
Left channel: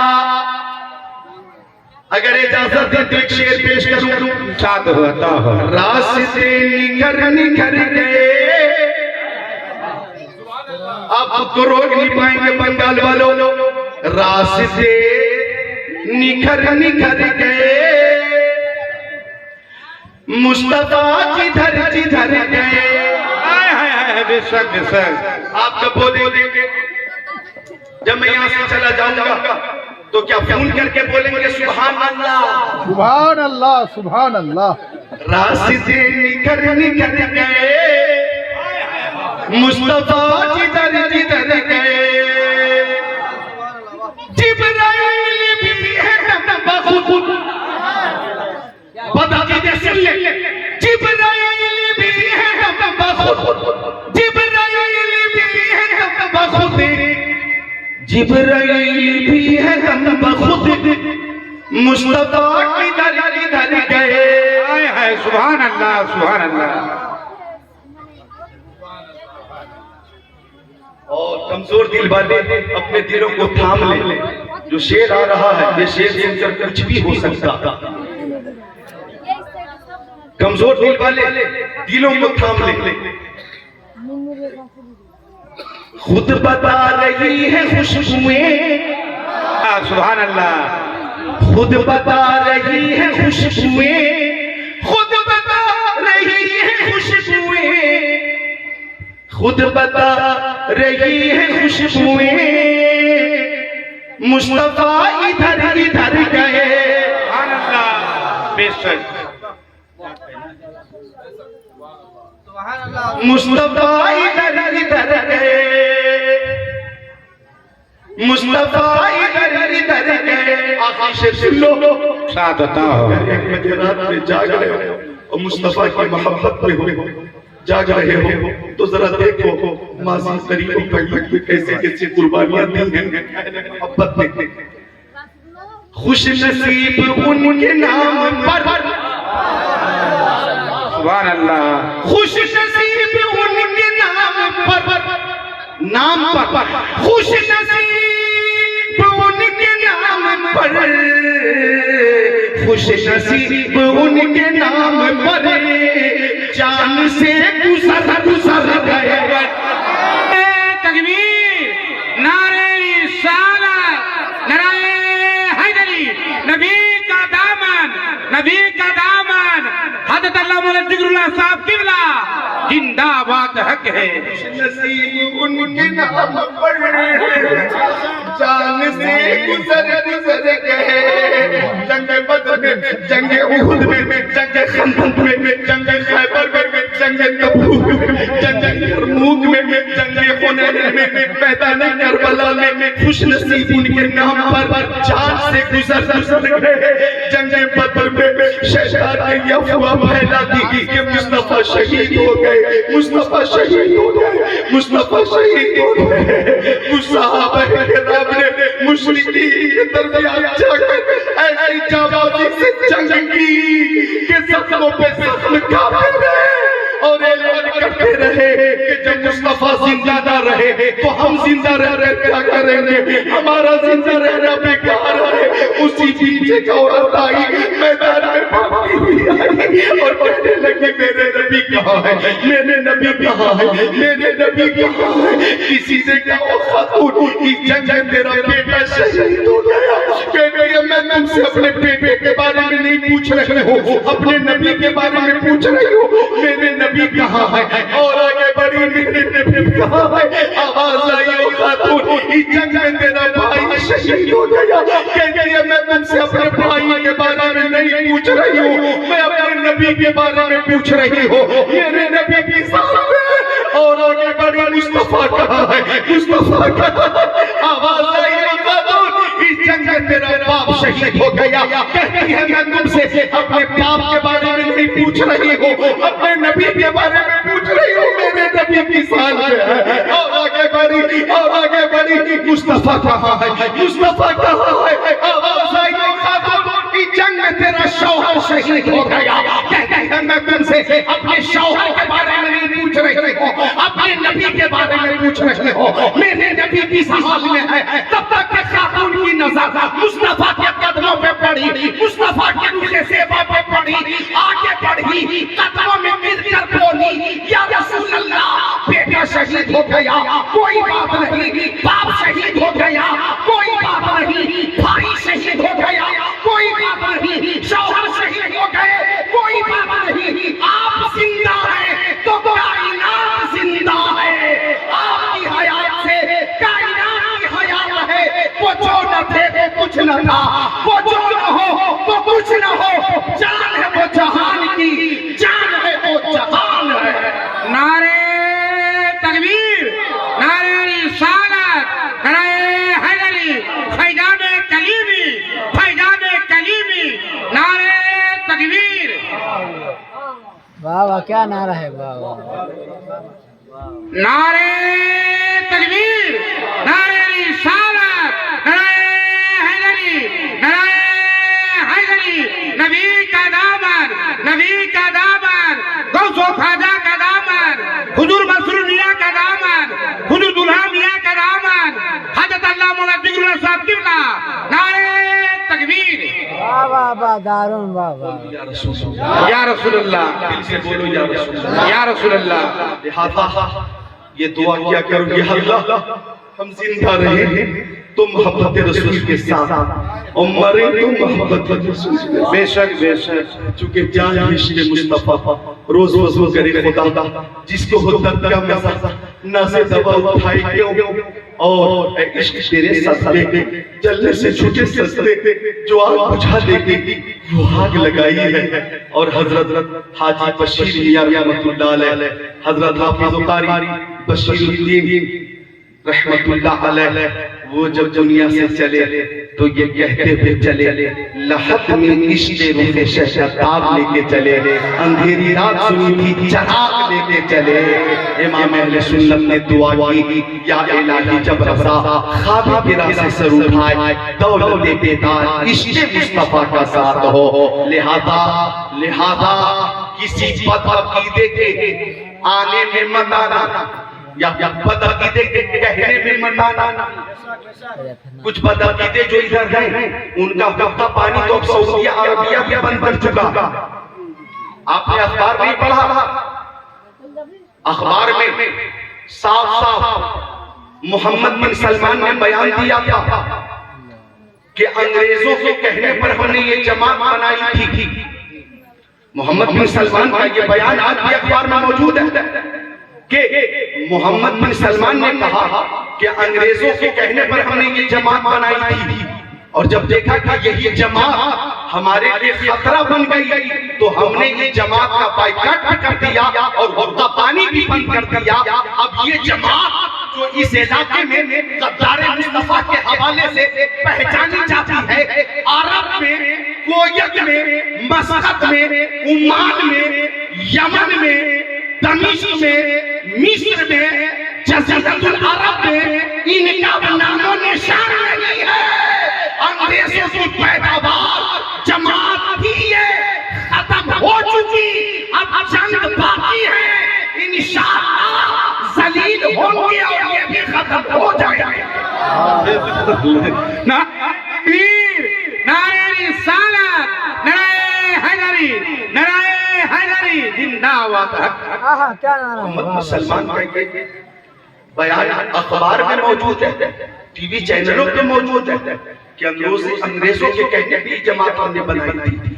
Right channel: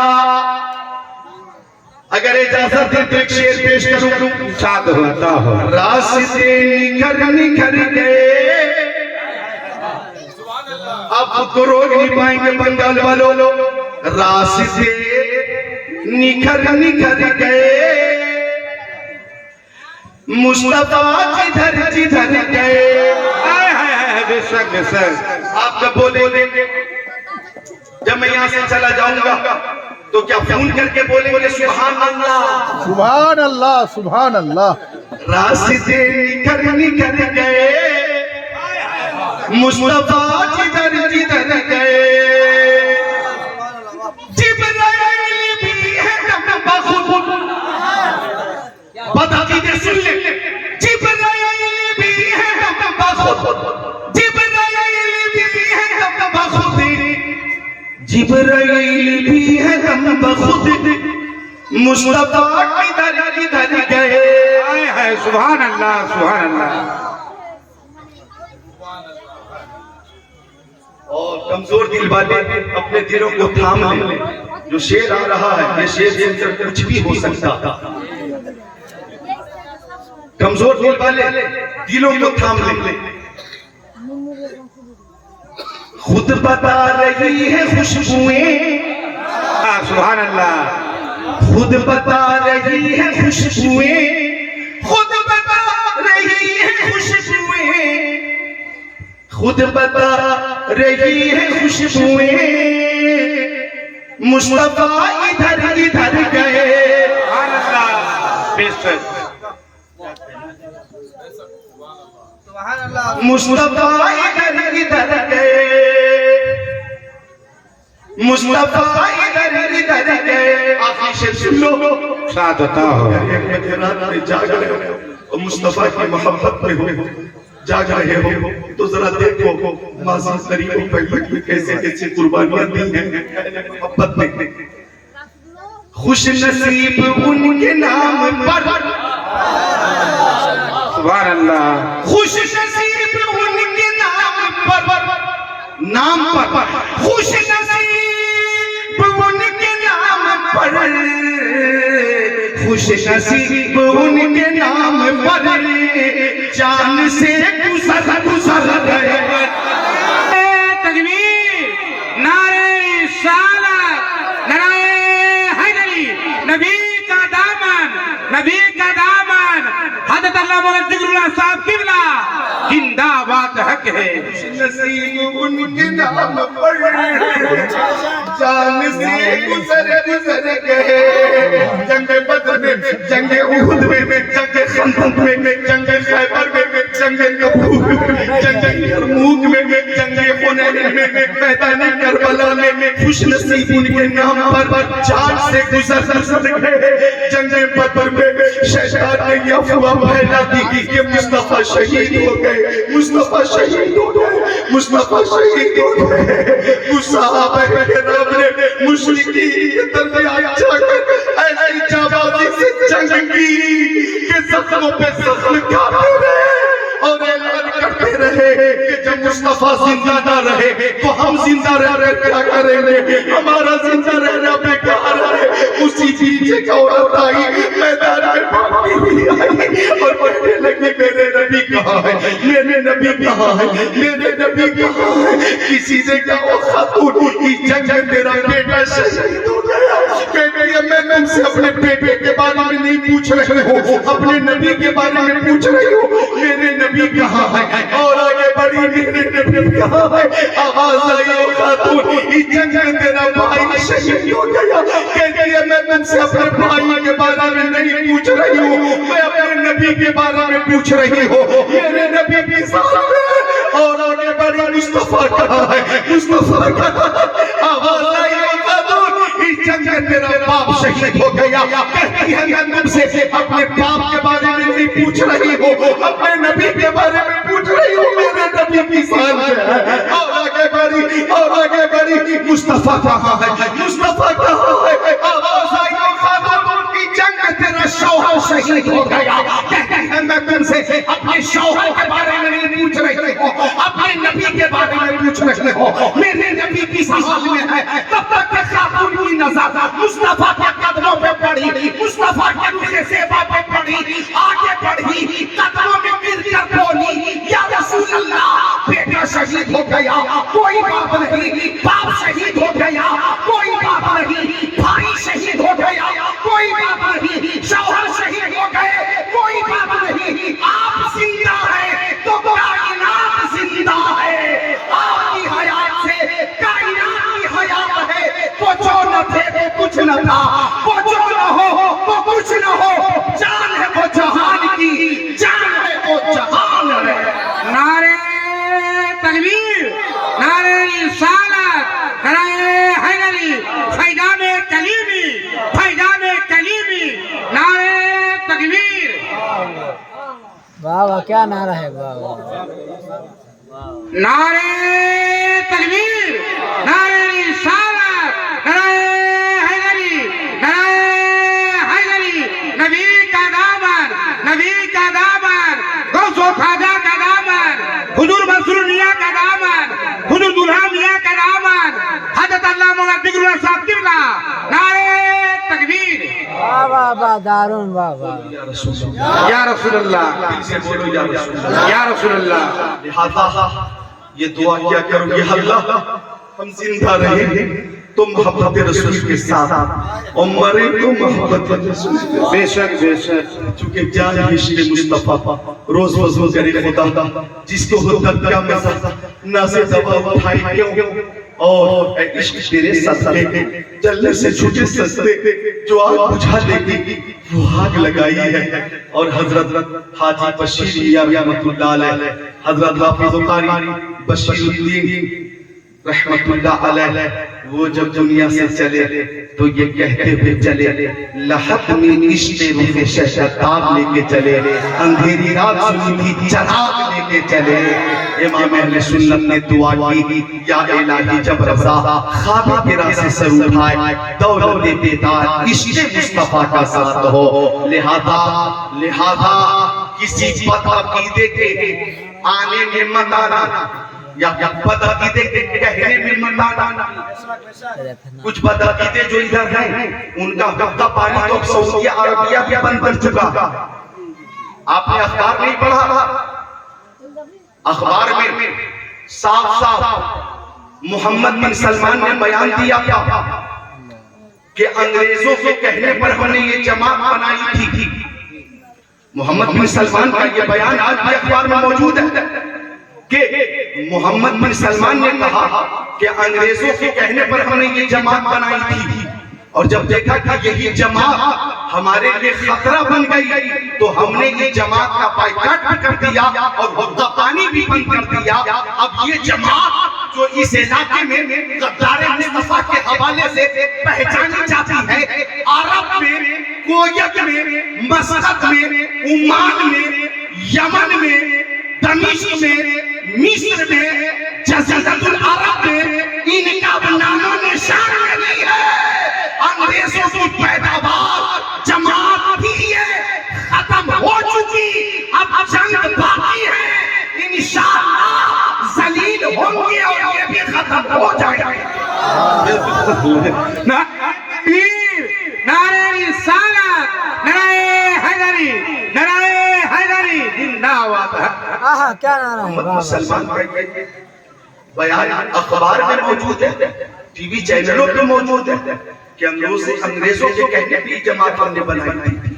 اگر اجازت دے تو ایک شعر پیش کروں. شاد ہوتا ہو. راستے نکھر نکھر گئے، اب تو روک نہیں پائیں گے بنگال والوں. راستے نکھر نکھر گئے، مصطفیٰ جدھر جدھر گئے. بے شک بے شک. آپ جب بولیں گے جب میں یہاں سے چلا جاؤں گا تو کیا فون کر کے بولیں گے سبحان اللہ؟ سبحان اللہ سبحان اللہ. راستے نکھر نکھر گئے، مصطفیٰ جدھر جدھر گئے. جبرائیل بھی ہے دم بخود، بتا دیجئے سن لے. جبرائیل بھی ہے دم بخود، جبرائیل بھی ہے دم بخود، جبرائیل بھی ہے دم بخود، مصطفیٰ کدھر کدھر گئے. سبحان اللہ سبحان اللہ. اور کمزور دل والے اپنے دلوں کو تھام لیں. جو شعر آ رہا ہے یہ شعر سن کر کچھ بھی ہو سکتا. کمزور دل والے دلوں کو تھام لیں. خود بتا رہی ہے خوشبوئیں، سبحان اللہ. خود بتا رہی ہے خوشبوئیں، خود بتا رہی ہے خوشبوئیں، خود بتا رہی ہے خوشبوئیں، مصطفیٰ ادھر ادھر گئے. سبحان اللہ. بے شک. مصطفیٰ ادھر ادھر گئے، مصطفیٰ ادھر ادھر گئے. آخری شعر سن لو. شاد ہوتا ہو. رات میں جاگ رہے ہو اور مصطفیٰ کی محبت میں ہو. جاگ رہے ہو تو ذرا دیکھو ماضی قریبوں پر کیسے کیسے قربانیاں دی ہیں اہل محبت میں. خوش نصیب ان کے نام پر سبحان اللہ. خوش نصیب ان کے نام پر خوش نصیب ان کے نام پر خوش نصیب ان کے نام پر جان سے گزر گئے. تکبیر، نعرہ رسالت، نعرہ حیدری، نبی کا دامن، نبی کا دامن، حضرت علامہ مولانا ذکر اللہ صاحب قبلہ زندہ باد حق ہے. نصیب ان کے نام پر جان سے گزر گئے. جنگ بدر میں، جنگ احد میں، جنگ خندق میں، جنگ خیبر میں، جنگ تبوک میں، جنگ یرموک میں، جنگ حنین میں، میدان کربلا میں خوش نصیب ان کے نام پر جان سے گزر گئے. جنگ بدر میں شیطان نے یہ افواہ پھیلا دی کہ مصطفیٰ شہید ہو گئے، مصطفیٰ شہید ہو گئے، مصطفیٰ شہید ہو گئے. صحابہ کرام نے مشرکین کے درمیان جا کر ایسی جانبازی سے جنگ کی کہ زخموں پہ زخم کھاتے رہے اور اعلان کرتے رہے کہ جب مصطفیٰ زندہ نہ رہے تو ہم زندہ رہ رہے کیا کریں گے، ہمارا زندہ رہنا بیکار ہے. اسی پیچھے کا عورت آئی، میدان میں بھاگتی ہوئی آئی اور کہنے لگی میرے نبی کہاں ہے، میرے نبی کہاں ہے، میرے نبی کہاں ہے. کسی سے کہا خاتون کی جنگ میں تیرا بیٹا شہید ہو گیا. بیٹے میں تم سے اپنے بیٹے کے بارے میں نہیں پوچھ رہے ہو، اپنے نبی کے بارے میں پوچھ رہی ہو. میرے نبی کہاں ہے؟ اور آگے بڑی میرے نبی کہاں ہے؟ آواز آئی او خاتون اس جنگ میں تیرا بھائی شہید ہو گیا. کہتی ہے میں تم سے اپنے بھائی کے بارے میں نہیں پوچھ رہی ہوں، میں اپنے نبی کے بارے میں پوچھ رہی ہوں. میرے نبی کی ذات ہے اور آگے بڑی مصطفیٰ کہاں ہے، مصطفیٰ کہاں ہے؟ آواز آئی او خاتون اس جنگ میں تیرا باپ شہید ہو گیا. کہتی ہے میں تم سے اپنے باپ کے بارے میں نہیں پوچھ رہی ہوں، اپنے نبی کے بارے میں پوچھ رہی ہوں. میرے نبی کی ذات ہے اور آگے بڑی اور آگے بڑی مصطفیٰ کہاں ہے، مصطفیٰ کہاں ہے؟ آواز آئی او خاتون کی جنگ میں تیرا شوہر شہید ہو گیا. کہتی ہے میں تم سے اپنے شوہر کے بارے میں نہیں پوچھ رہی ہوں، اپنے نبی کے بارے میں پوچھ رہی ہوں. میرے نبی کی ذات میں ہے. تب تک کہ خاتون کی نظر مصطفیٰ کے قدموں پہ پڑی، مصطفیٰ کے روح زیبا پہ پڑی، آگے بڑھی، قدموں میں گر کر بولی یا رسول اللہ بیٹا شہید ہو گیا کوئی بات نہیں، باپ شہید ہو گیا کوئی بات نہیں، بھائی شہید ہو گیا کوئی بات نہیں، شوہر شہید ہو گئے کوئی بات نہیں. آپ زندہ ہیں تو کائنات زندہ ہے. آپ کی حیات سے کائنات کی حیات ہے. وہ جو نہ تھے وہ کچھ نہ تھا، وہ جو نہ ہو وہ کچھ نہ ہو. جان ہے وہ جہان کی، جان ہے وہ جہان ہے. نعرہ تکبیر، نعرہ رسالت، نعرہ حیدری، فیضان کلیمی، فیضان کلیمی، نعرہ تکبیر. واہ واہ کیا نعرہ ہے، واہ واہ. نعرہ تکبیر، نعرہ رسالت، نعرہ حیدری، نعرہ حیدری، نبی کا دامن، نبی کا دامن، غوث و خواجہ کا دامن، حضور مسرور میاں کا دامن، حضور دلہا میاں کا دامن، حضرت علامہ مولانا ذکر اللہ صاحب قبلہ. نعرہ تکبیر. واہ واہ واہ دارون، واہ واہ. یا رسول اللہ، دل سے بولو یا رسول اللہ. یا رسول اللہ. لہذا یہ دعا کیا کرو یا اللہ ہم زندہ رہیں تو محبت رسول کے ساتھ اور مرے تو محبت رسول کے ساتھ. بے شک بے شک. چونکہ جان عشق مصطفیٰ روز وضو کرے خدا جس کو ہو درد کا مزہ نازے دوا اٹھائی کیوں اور اے عشق تیرے سستے جلنے سے چھوٹے سستے جو آگ بجھا دے گی وہ آگ لگائی ہے. اور حضرت حاجی بشیر میاں رحمت اللہ علیہ، حضرت حافظ قاری بشیر الدین رحمت اللہ علیہ، وہ جب دنیا سے چلے تو یہ کہتے ہوئے چلے لحد میں عشق روح شہداد لے کے چلے. اندھیری رات سنی تھی چراغ لے کے چلے. امام اہل سنت نے دعا کی یا الہی جب رضا خواب گرا سے سر اٹھائے دولت بیدار عشق مصطفیٰ کا ساتھ ہو. لہذا کسی بد عقیدے کے آنے میں مت آنا یا بد عقیدے کے کہنے میں مت آنا. کچھ بد عقیدے جو ادھر ہیں ان کا حقہ پانی تو سعودی عربیہ بھی بند کر چکا. آپ نے اخبار نہیں پڑھا؟ اخبار میں صاف محمد بن سلمان نے بیان دیا تھا کہ انگریزوں کے کہنے پر ہم نے یہ جماعت بنائی تھی. محمد بن سلمان کا یہ بیان آج بھی اخبار میں موجود ہے کہ محمد بن سلمان نے کہا کہ انگریزوں کے کہنے پر ہم نے یہ جماعت بنائی تھی اور جب دیکھا کہ یہی جماعت ہمارے لیے خطرہ بن گئی تو ہم نے یہ جماعت کا بائیکاٹ بھی کر دیا اور حقہ پانی بھی بند کر دیا. اب یہ جماعت جو اس علاقے میں غدار مصطفیٰ کے حوالے سے پہچانی جاتی ہے عرب میں کویت میں مسقط میں عمان میں یمن میں دمشق میں مصر میں جزیرۃ العرب میں ان کا نام و نشان نہیں ہے. انگریزوں کی پیداوار جماعت بھی ہے ختم ہو چکی. اب جنگ باقی ہے انشاءاللہ ذلیل ہوں گے اور یہ بھی ختم ہو جائے گا. نعرہ رسالت نعرہ حیدری زندہ باد. کیا نعرہ ہے بابا. مسلمان کا یہ بیان اخبار میں موجود ہے ٹی وی چینلوں پہ موجود ہے کہ انگریزوں کے کہنے پہ یہ جماعت ہم نے بنائی تھی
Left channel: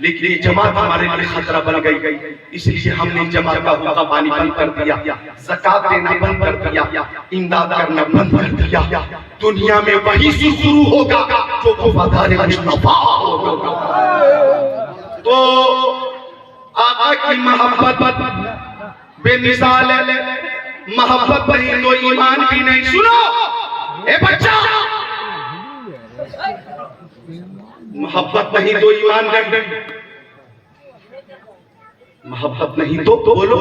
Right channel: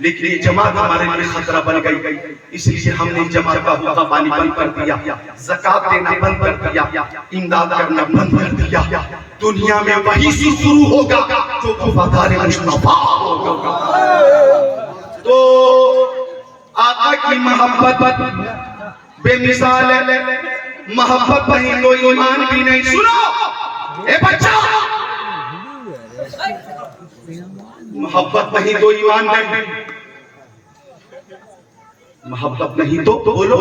لیکن یہ جماعت ہمارے لیے خطرہ بن گئی اس لیے ہم نے جماعت کا حقہ پانی بند کر دیا زکوٰۃ دینا بند کر دیا امداد کرنا بند کر دیا. دنیا میں وہی شروع ہوگا جو وفادار مصطفیٰ ہوگا. تو آقا کی محبت بے مثال ہے. محبت نہیں تو ایمان بھی نہیں. سنو اے بچہ محبت نہیں تو ایمان نہیں. محبت نہیں تو بولو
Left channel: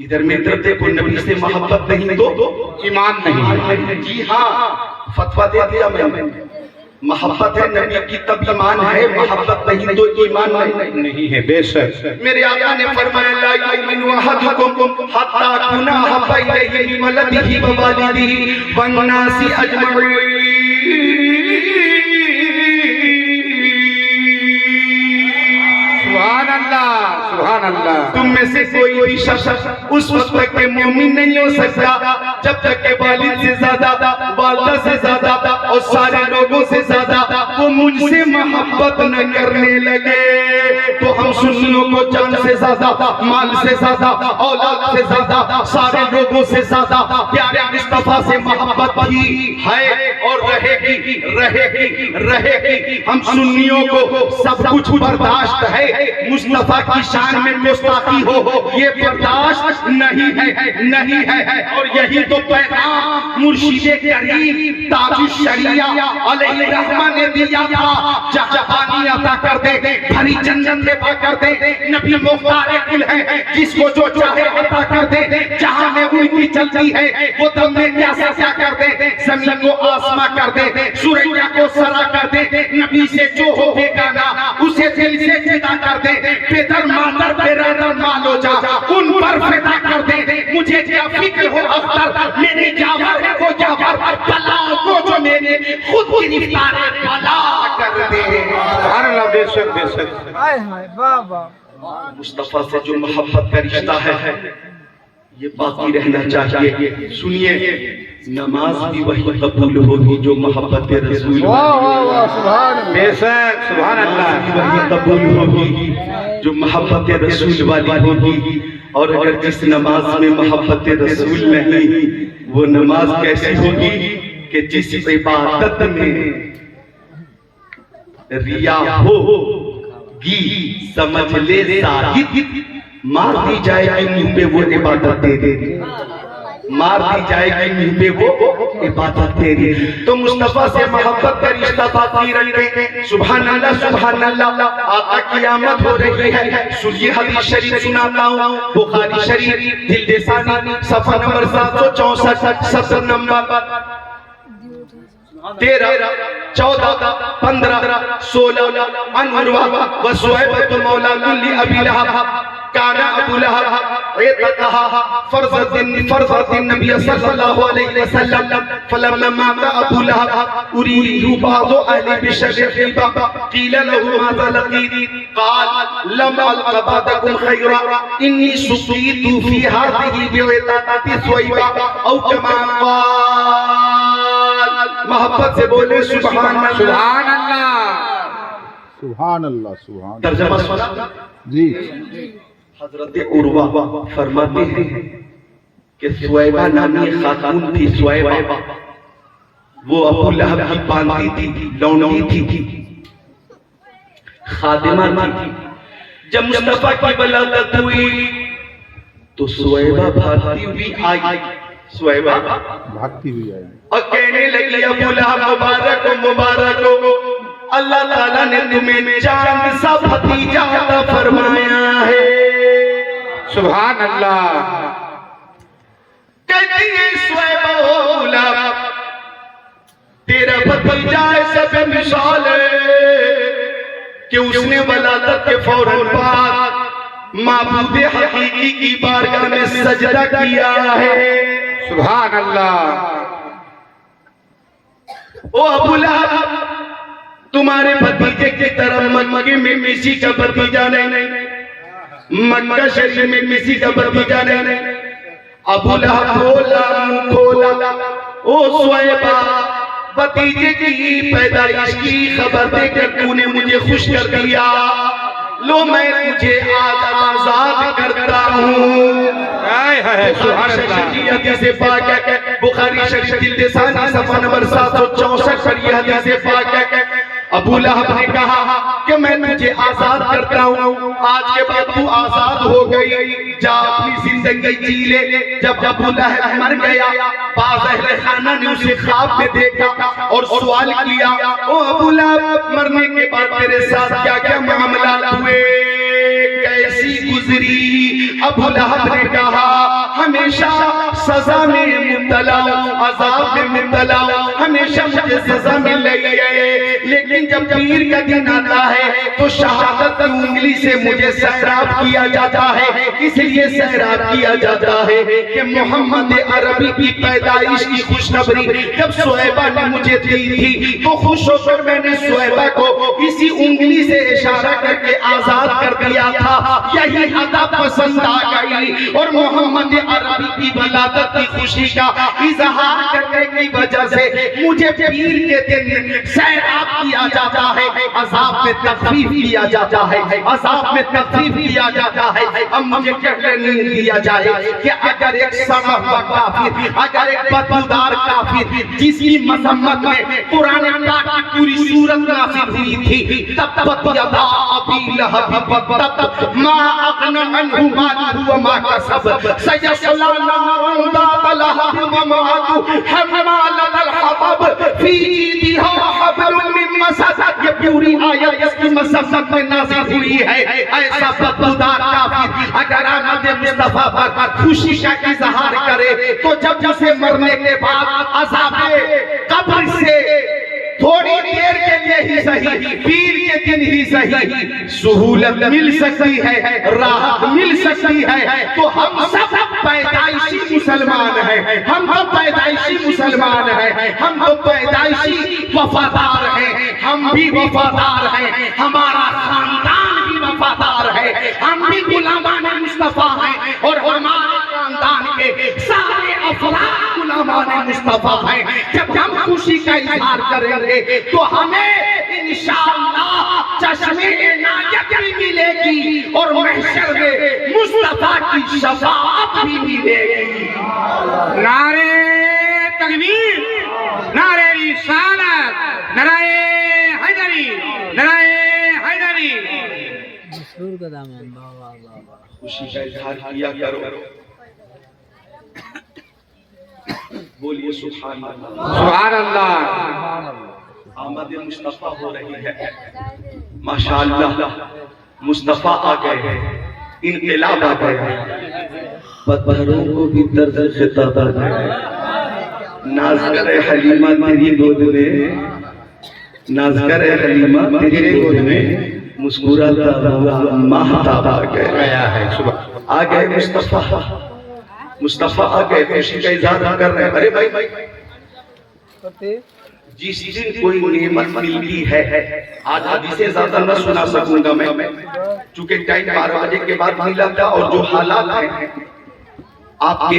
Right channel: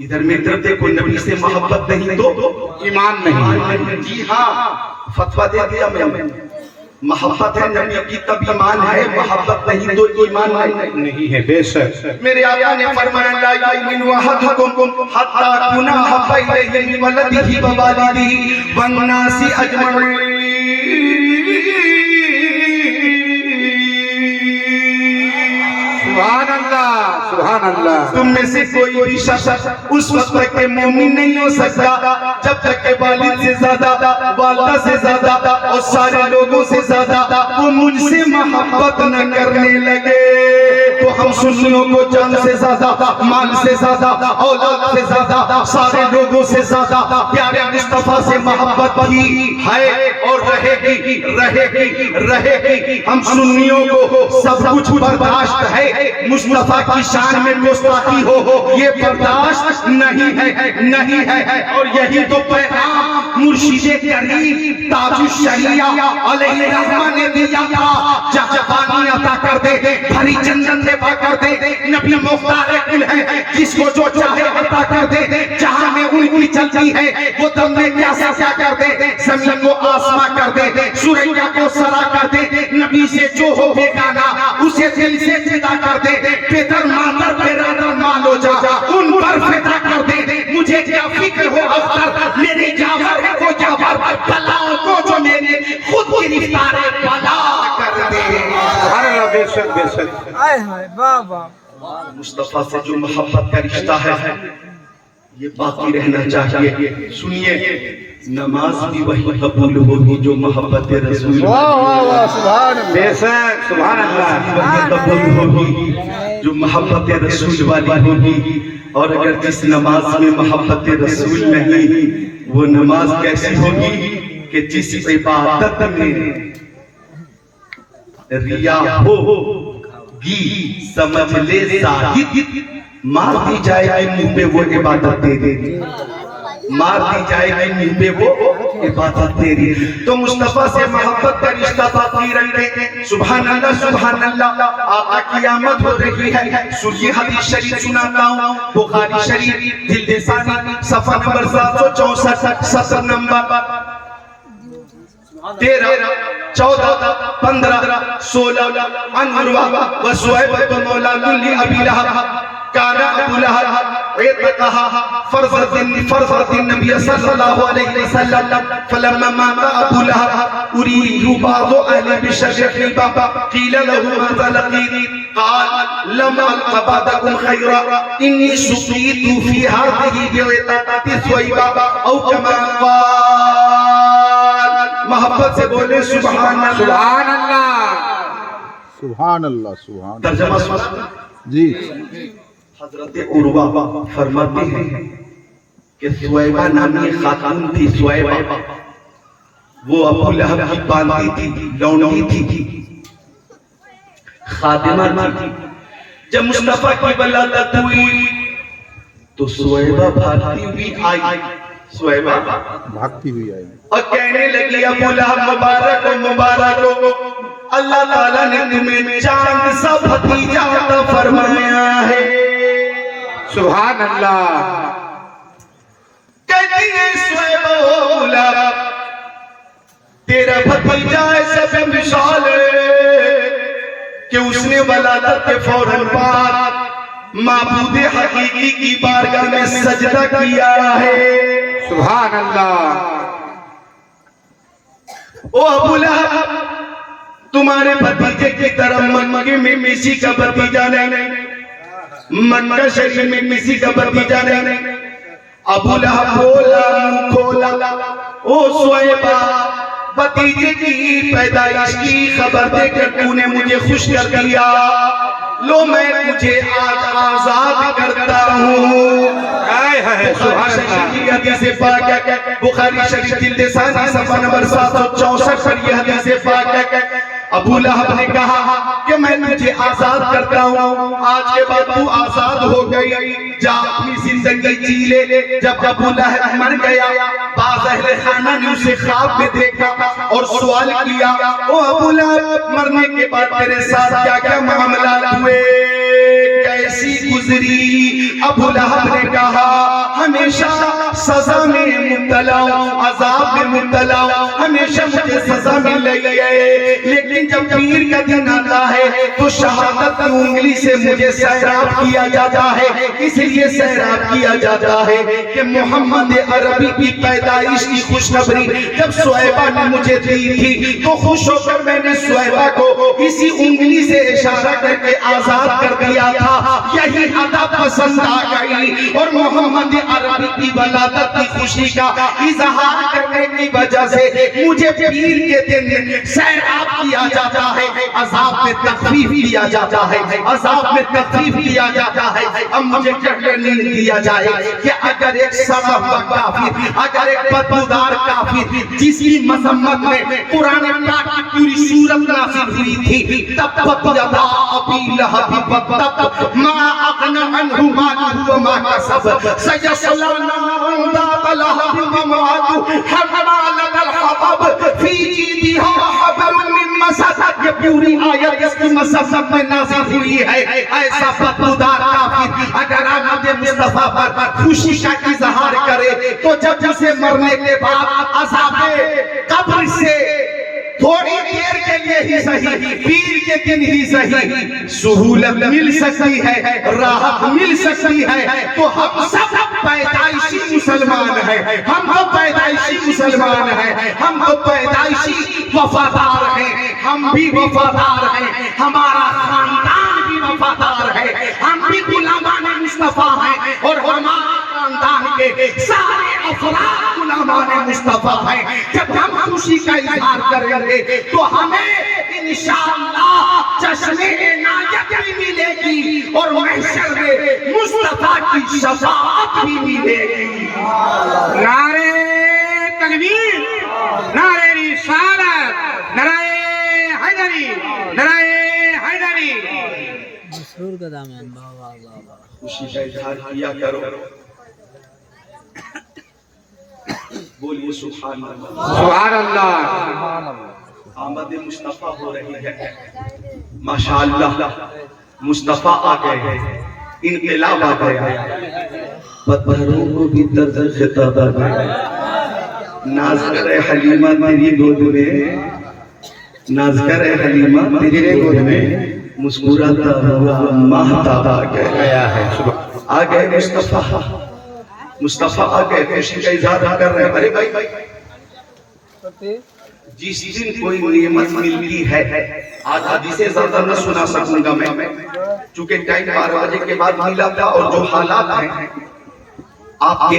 ادھر میں دیکھو نبی سے محبت نہیں تو ایمان نہیں. جی ہاں فتویٰ دے دیا میں نے. محبت ہے نبی کی تب ایمان ہے محبت نہیں تو ایمان نہیں ہے. بے شک میرے آقا نے فرمایا لا یؤمن احدکم حتی اکون احب الیہ من ولدہ ووالدہ والناس اجمعین. تم میں سے کوئی بھی شخص اس وقت تک کہ مومن نہیں ہو سکتا جب تک کہ والد سے زیادہ والدہ سے زیادہ اور سارے لوگوں سے زیادہ وہ مجھ سے محبت نہ کرنے لگے. تو ہم سنیوں کو جان سے زیادہ مال سے زیادہ اولاد سے زیادہ سارے لوگوں سے زیادہ پیارے مصطفیٰ سے محبت بھی ہے اور رہے گی. ہم سنیوں کو سب کچھ برداشت ہے مصطفیٰ کی شان میں گستاخی ہو یہ برداشت نہیں ہے. اور یہی تو پیغام مرشد کریم تاج الشریعہ علیہ الرحمہ نے دیا تھا. جہاں پانی عطا کر دے بھری جنت دے کر دے نبی مختار کل ہے جس کو جو چاہے عطا کر دے. جہاں میں ان کی چلتی ہے وہ دم میں کیسا کر دے زمین کو آسماں کر دے سوریا کو سرا کر دے. نبی سے جو ہو بیگانہ اسے دل سے جدا کر دے. پیدر مادر برادر مالو جا ان پر فدا کر دے. مجھے کیا فکر ہو اختر میری جاور کو جاور بلاؤں کو جو میرے خود کی رفتار بلا کر دے. بے شک آئے ہائے بابا. مصطفیٰ سے جو محبت کا رشتہ ہے یہ باقی رہنا چاہیے. سنیے نماز بھی وہی قبول ہوگی جو محبت رسول بے شک سبحان اللہ وہی قبول ہوگی جو محبت رسول والی ہوگی. اور اگر جس نماز میں محبت رسول نہیں وہ نماز کیسی ہوگی کہ جس عبادت میں ریا ہوگی سمجھ لے زاہد مار دی جائے گی منہ پہ وہ عبادت دے دے گی. مار دی جائے گی منہ پہ وہ عبادت تیری. تو مصطفیٰ سے محبت کا رشتہ باقی رکھیں. سبحان اللہ سبحان اللہ. آقا کی آمد ہو رہی ہے. سنیے حدیث شریف سناتا ہوں. بخاری شریف جلد ثانی صفحہ نمبر 764 سطر نمبر 13 14 15 16 عن عروہ و سویبۃ مولات لأبی لہب كان ابو لہب عتقها فرزت النبي صلى الله عليه وسلم فلما مات ابو لہب اريد بعض اهل بشر حبا قيل له ماذا لقيت قال لم الق بعدكم خيرا اني سقيت في هذه بعتقة سويبة او كما قال. محبت سے بولے سبحان اللہ سبحان اللہ. سبحان اللہ سبحان اللہ. ترجمہ سنا جی. حضرت عروہ فرماتے ہیں کہ سویبہ نامی خاتون تھی. سویبہ وہ ابو لہب کی باندھی تھی, لونڈی تھی, خادمہ تھی. جب مصطفیٰ کی ولادت ہوئی تو سویبہ بھاگتی ہوئی آئی. سویبہ بھاگتی ہوئی آئی اور کہنے لگی ابو لہب مبارک ہو مبارک ہو, اللہ تعالیٰ نے تمہیں چاند سا بھتیجا عطا فرمایا ہے. سبحان اللہ. کہتی ہے سویبہ ابو لہب تیرا بھتیجا ایسا بے مثال ہے کہ اس نے ولادت کے فوراً بعد معبود حقیقی کی بارگاہ میں سجدہ کیا ہے. سبحان اللہ. او ابو لہب تمہارے بھتیجے کی طرح مکے میں کسی کا بھتیجا نہیں, مکہ شریف میں کسی کا بھتیجا نہیں. ابو لہب بولا کھولا او سویبہ بھتیجے کی پیدائش کی خبر دے کر تو نے مجھے خوش کر دیا. لو میں تجھے آج آزاد کرتا ہوں. بخاری شریف جلد ثانی صفحہ نمبر 764 پر یہ حدیث پاک ہے. ابو لہب نے کہا کہ میں تجھے آزاد کرتا ہوں, آج کے بعد تو آزاد ہو گئی, جا اپنی زندگی جی لے. جب ابو لہب مر گیا بعض اہل خانہ نے اسے خواب میں دیکھا اور سوال کیا او ابو لہب مرنے کے بعد تیرے ساتھ کیا کیا معاملات ہوئے, کیسی گزری؟ ابو لہب نے کہا ہمیشہ سزا میں مبتلا, عذاب میں مبتلا, ہمیشہ مجھے سزا مل رہی ہے, لیکن جب پیر کا دن آتا ہے تو شہادت کی انگلی سے مجھے سیراب کیا جاتا ہے. اس لیے سیراب کیا جاتا ہے کہ محمد عربی کی پیدائش کی خوشخبری جب سویبہ نے مجھے دی تھی تو خوش ہو کر میں نے سویبہ کو اسی انگلی سے اشارہ کر کے آزاد کر دیا تھا. یہی عطا پسند آ گئی اور محمد عربی کی ولادت کی خوشی کا اظہار کرنے کی وجہ سے مجھے پیر کے دن سیراب کیا جاتا ہے, عذاب میں تخفیف کیا جاتا ہے, عذاب میں تخفیف کیا جاتا ہے. اب مجھے کہنے نہیں دیا جائے کہ اگر ایک سڑا ہوا کافر, اگر ایک بدبودار کافر جس کی مذمت میں قرآن پاک کی پوری سورت نازل ہوئی تھی, تبت یدا ابی لہب وتب ما اغنی عنہ مالہ وما کسب سیصلی نارا ذات لہب وامرأتہ حمالۃ الحطب فی جیدہا حبل من مسد. یہ پوری آیت اس کی مذمت میں نازل ہوئی ہے. ایسا بدبودار کافر اگر آمد مصطفیٰ پر خوشی کا اظہار کرے تو جب اسے مرنے کے بعد عذاب قبر سے تھوڑی دیر کے لیے ہی صحیح, پیر کے دن ہی صحیح سہولت مل سکتی ہے, راحت مل سکتی ہے, تو ہم سب پیدائشی مسلمان ہیں, ہم تو پیدائشی مسلمان ہیں, ہم تو پیدائشی وفادار ہیں, ہم بھی وفادار ہیں, ہمارا خاندان بھی وفادار ہے, ہم بھی غلامان مصطفیٰ ہیں اور ہمارا خاندان کے سارے افراد غلامان مصطفیٰ ہیں. جب ہم خوشی کا اظہار کریں گے تو ہمیں انشاءاللہ چشمے عنایت بھی ملے گی اور محشر میں مصطفیٰ کی شفاعت بھی ملے گی. نعرہ تکبیر, نعرہ رسالت, نعرہ حیدری, نعرہ حیدری. مشہور کا دامن بابا بابا. خوشی کا اظہار کیا کرو. بولیے سبحان اللہ. سبحان اللہ. آمد مصطفیٰ ہو رہی ہے. ماشاءاللہ مصطفیٰ آ گئے ہیں. انقلاب آ گیا ہے. پتھروں کو بھی طرز خطاب آ گیا ہے. ناز کرے حلیمہ تیری گود میں، ناز کرے حلیمہ تیری گود میں، مسکراتا ہوا ماہتاب آ گیا ہے. آ گئے مصطفیٰ. مصطفیٰ آ گئے خوشی کا اظہار کر رہے ہیں. ارے بھائی جس دن کوئی نعمت ملتی ہے، آج حدیث سے زیادہ نہ سنا سکوں گا میں، چونکہ ٹائم 12 بجے کے بعد ملا تھا اور جو حالات ہیں آپ کے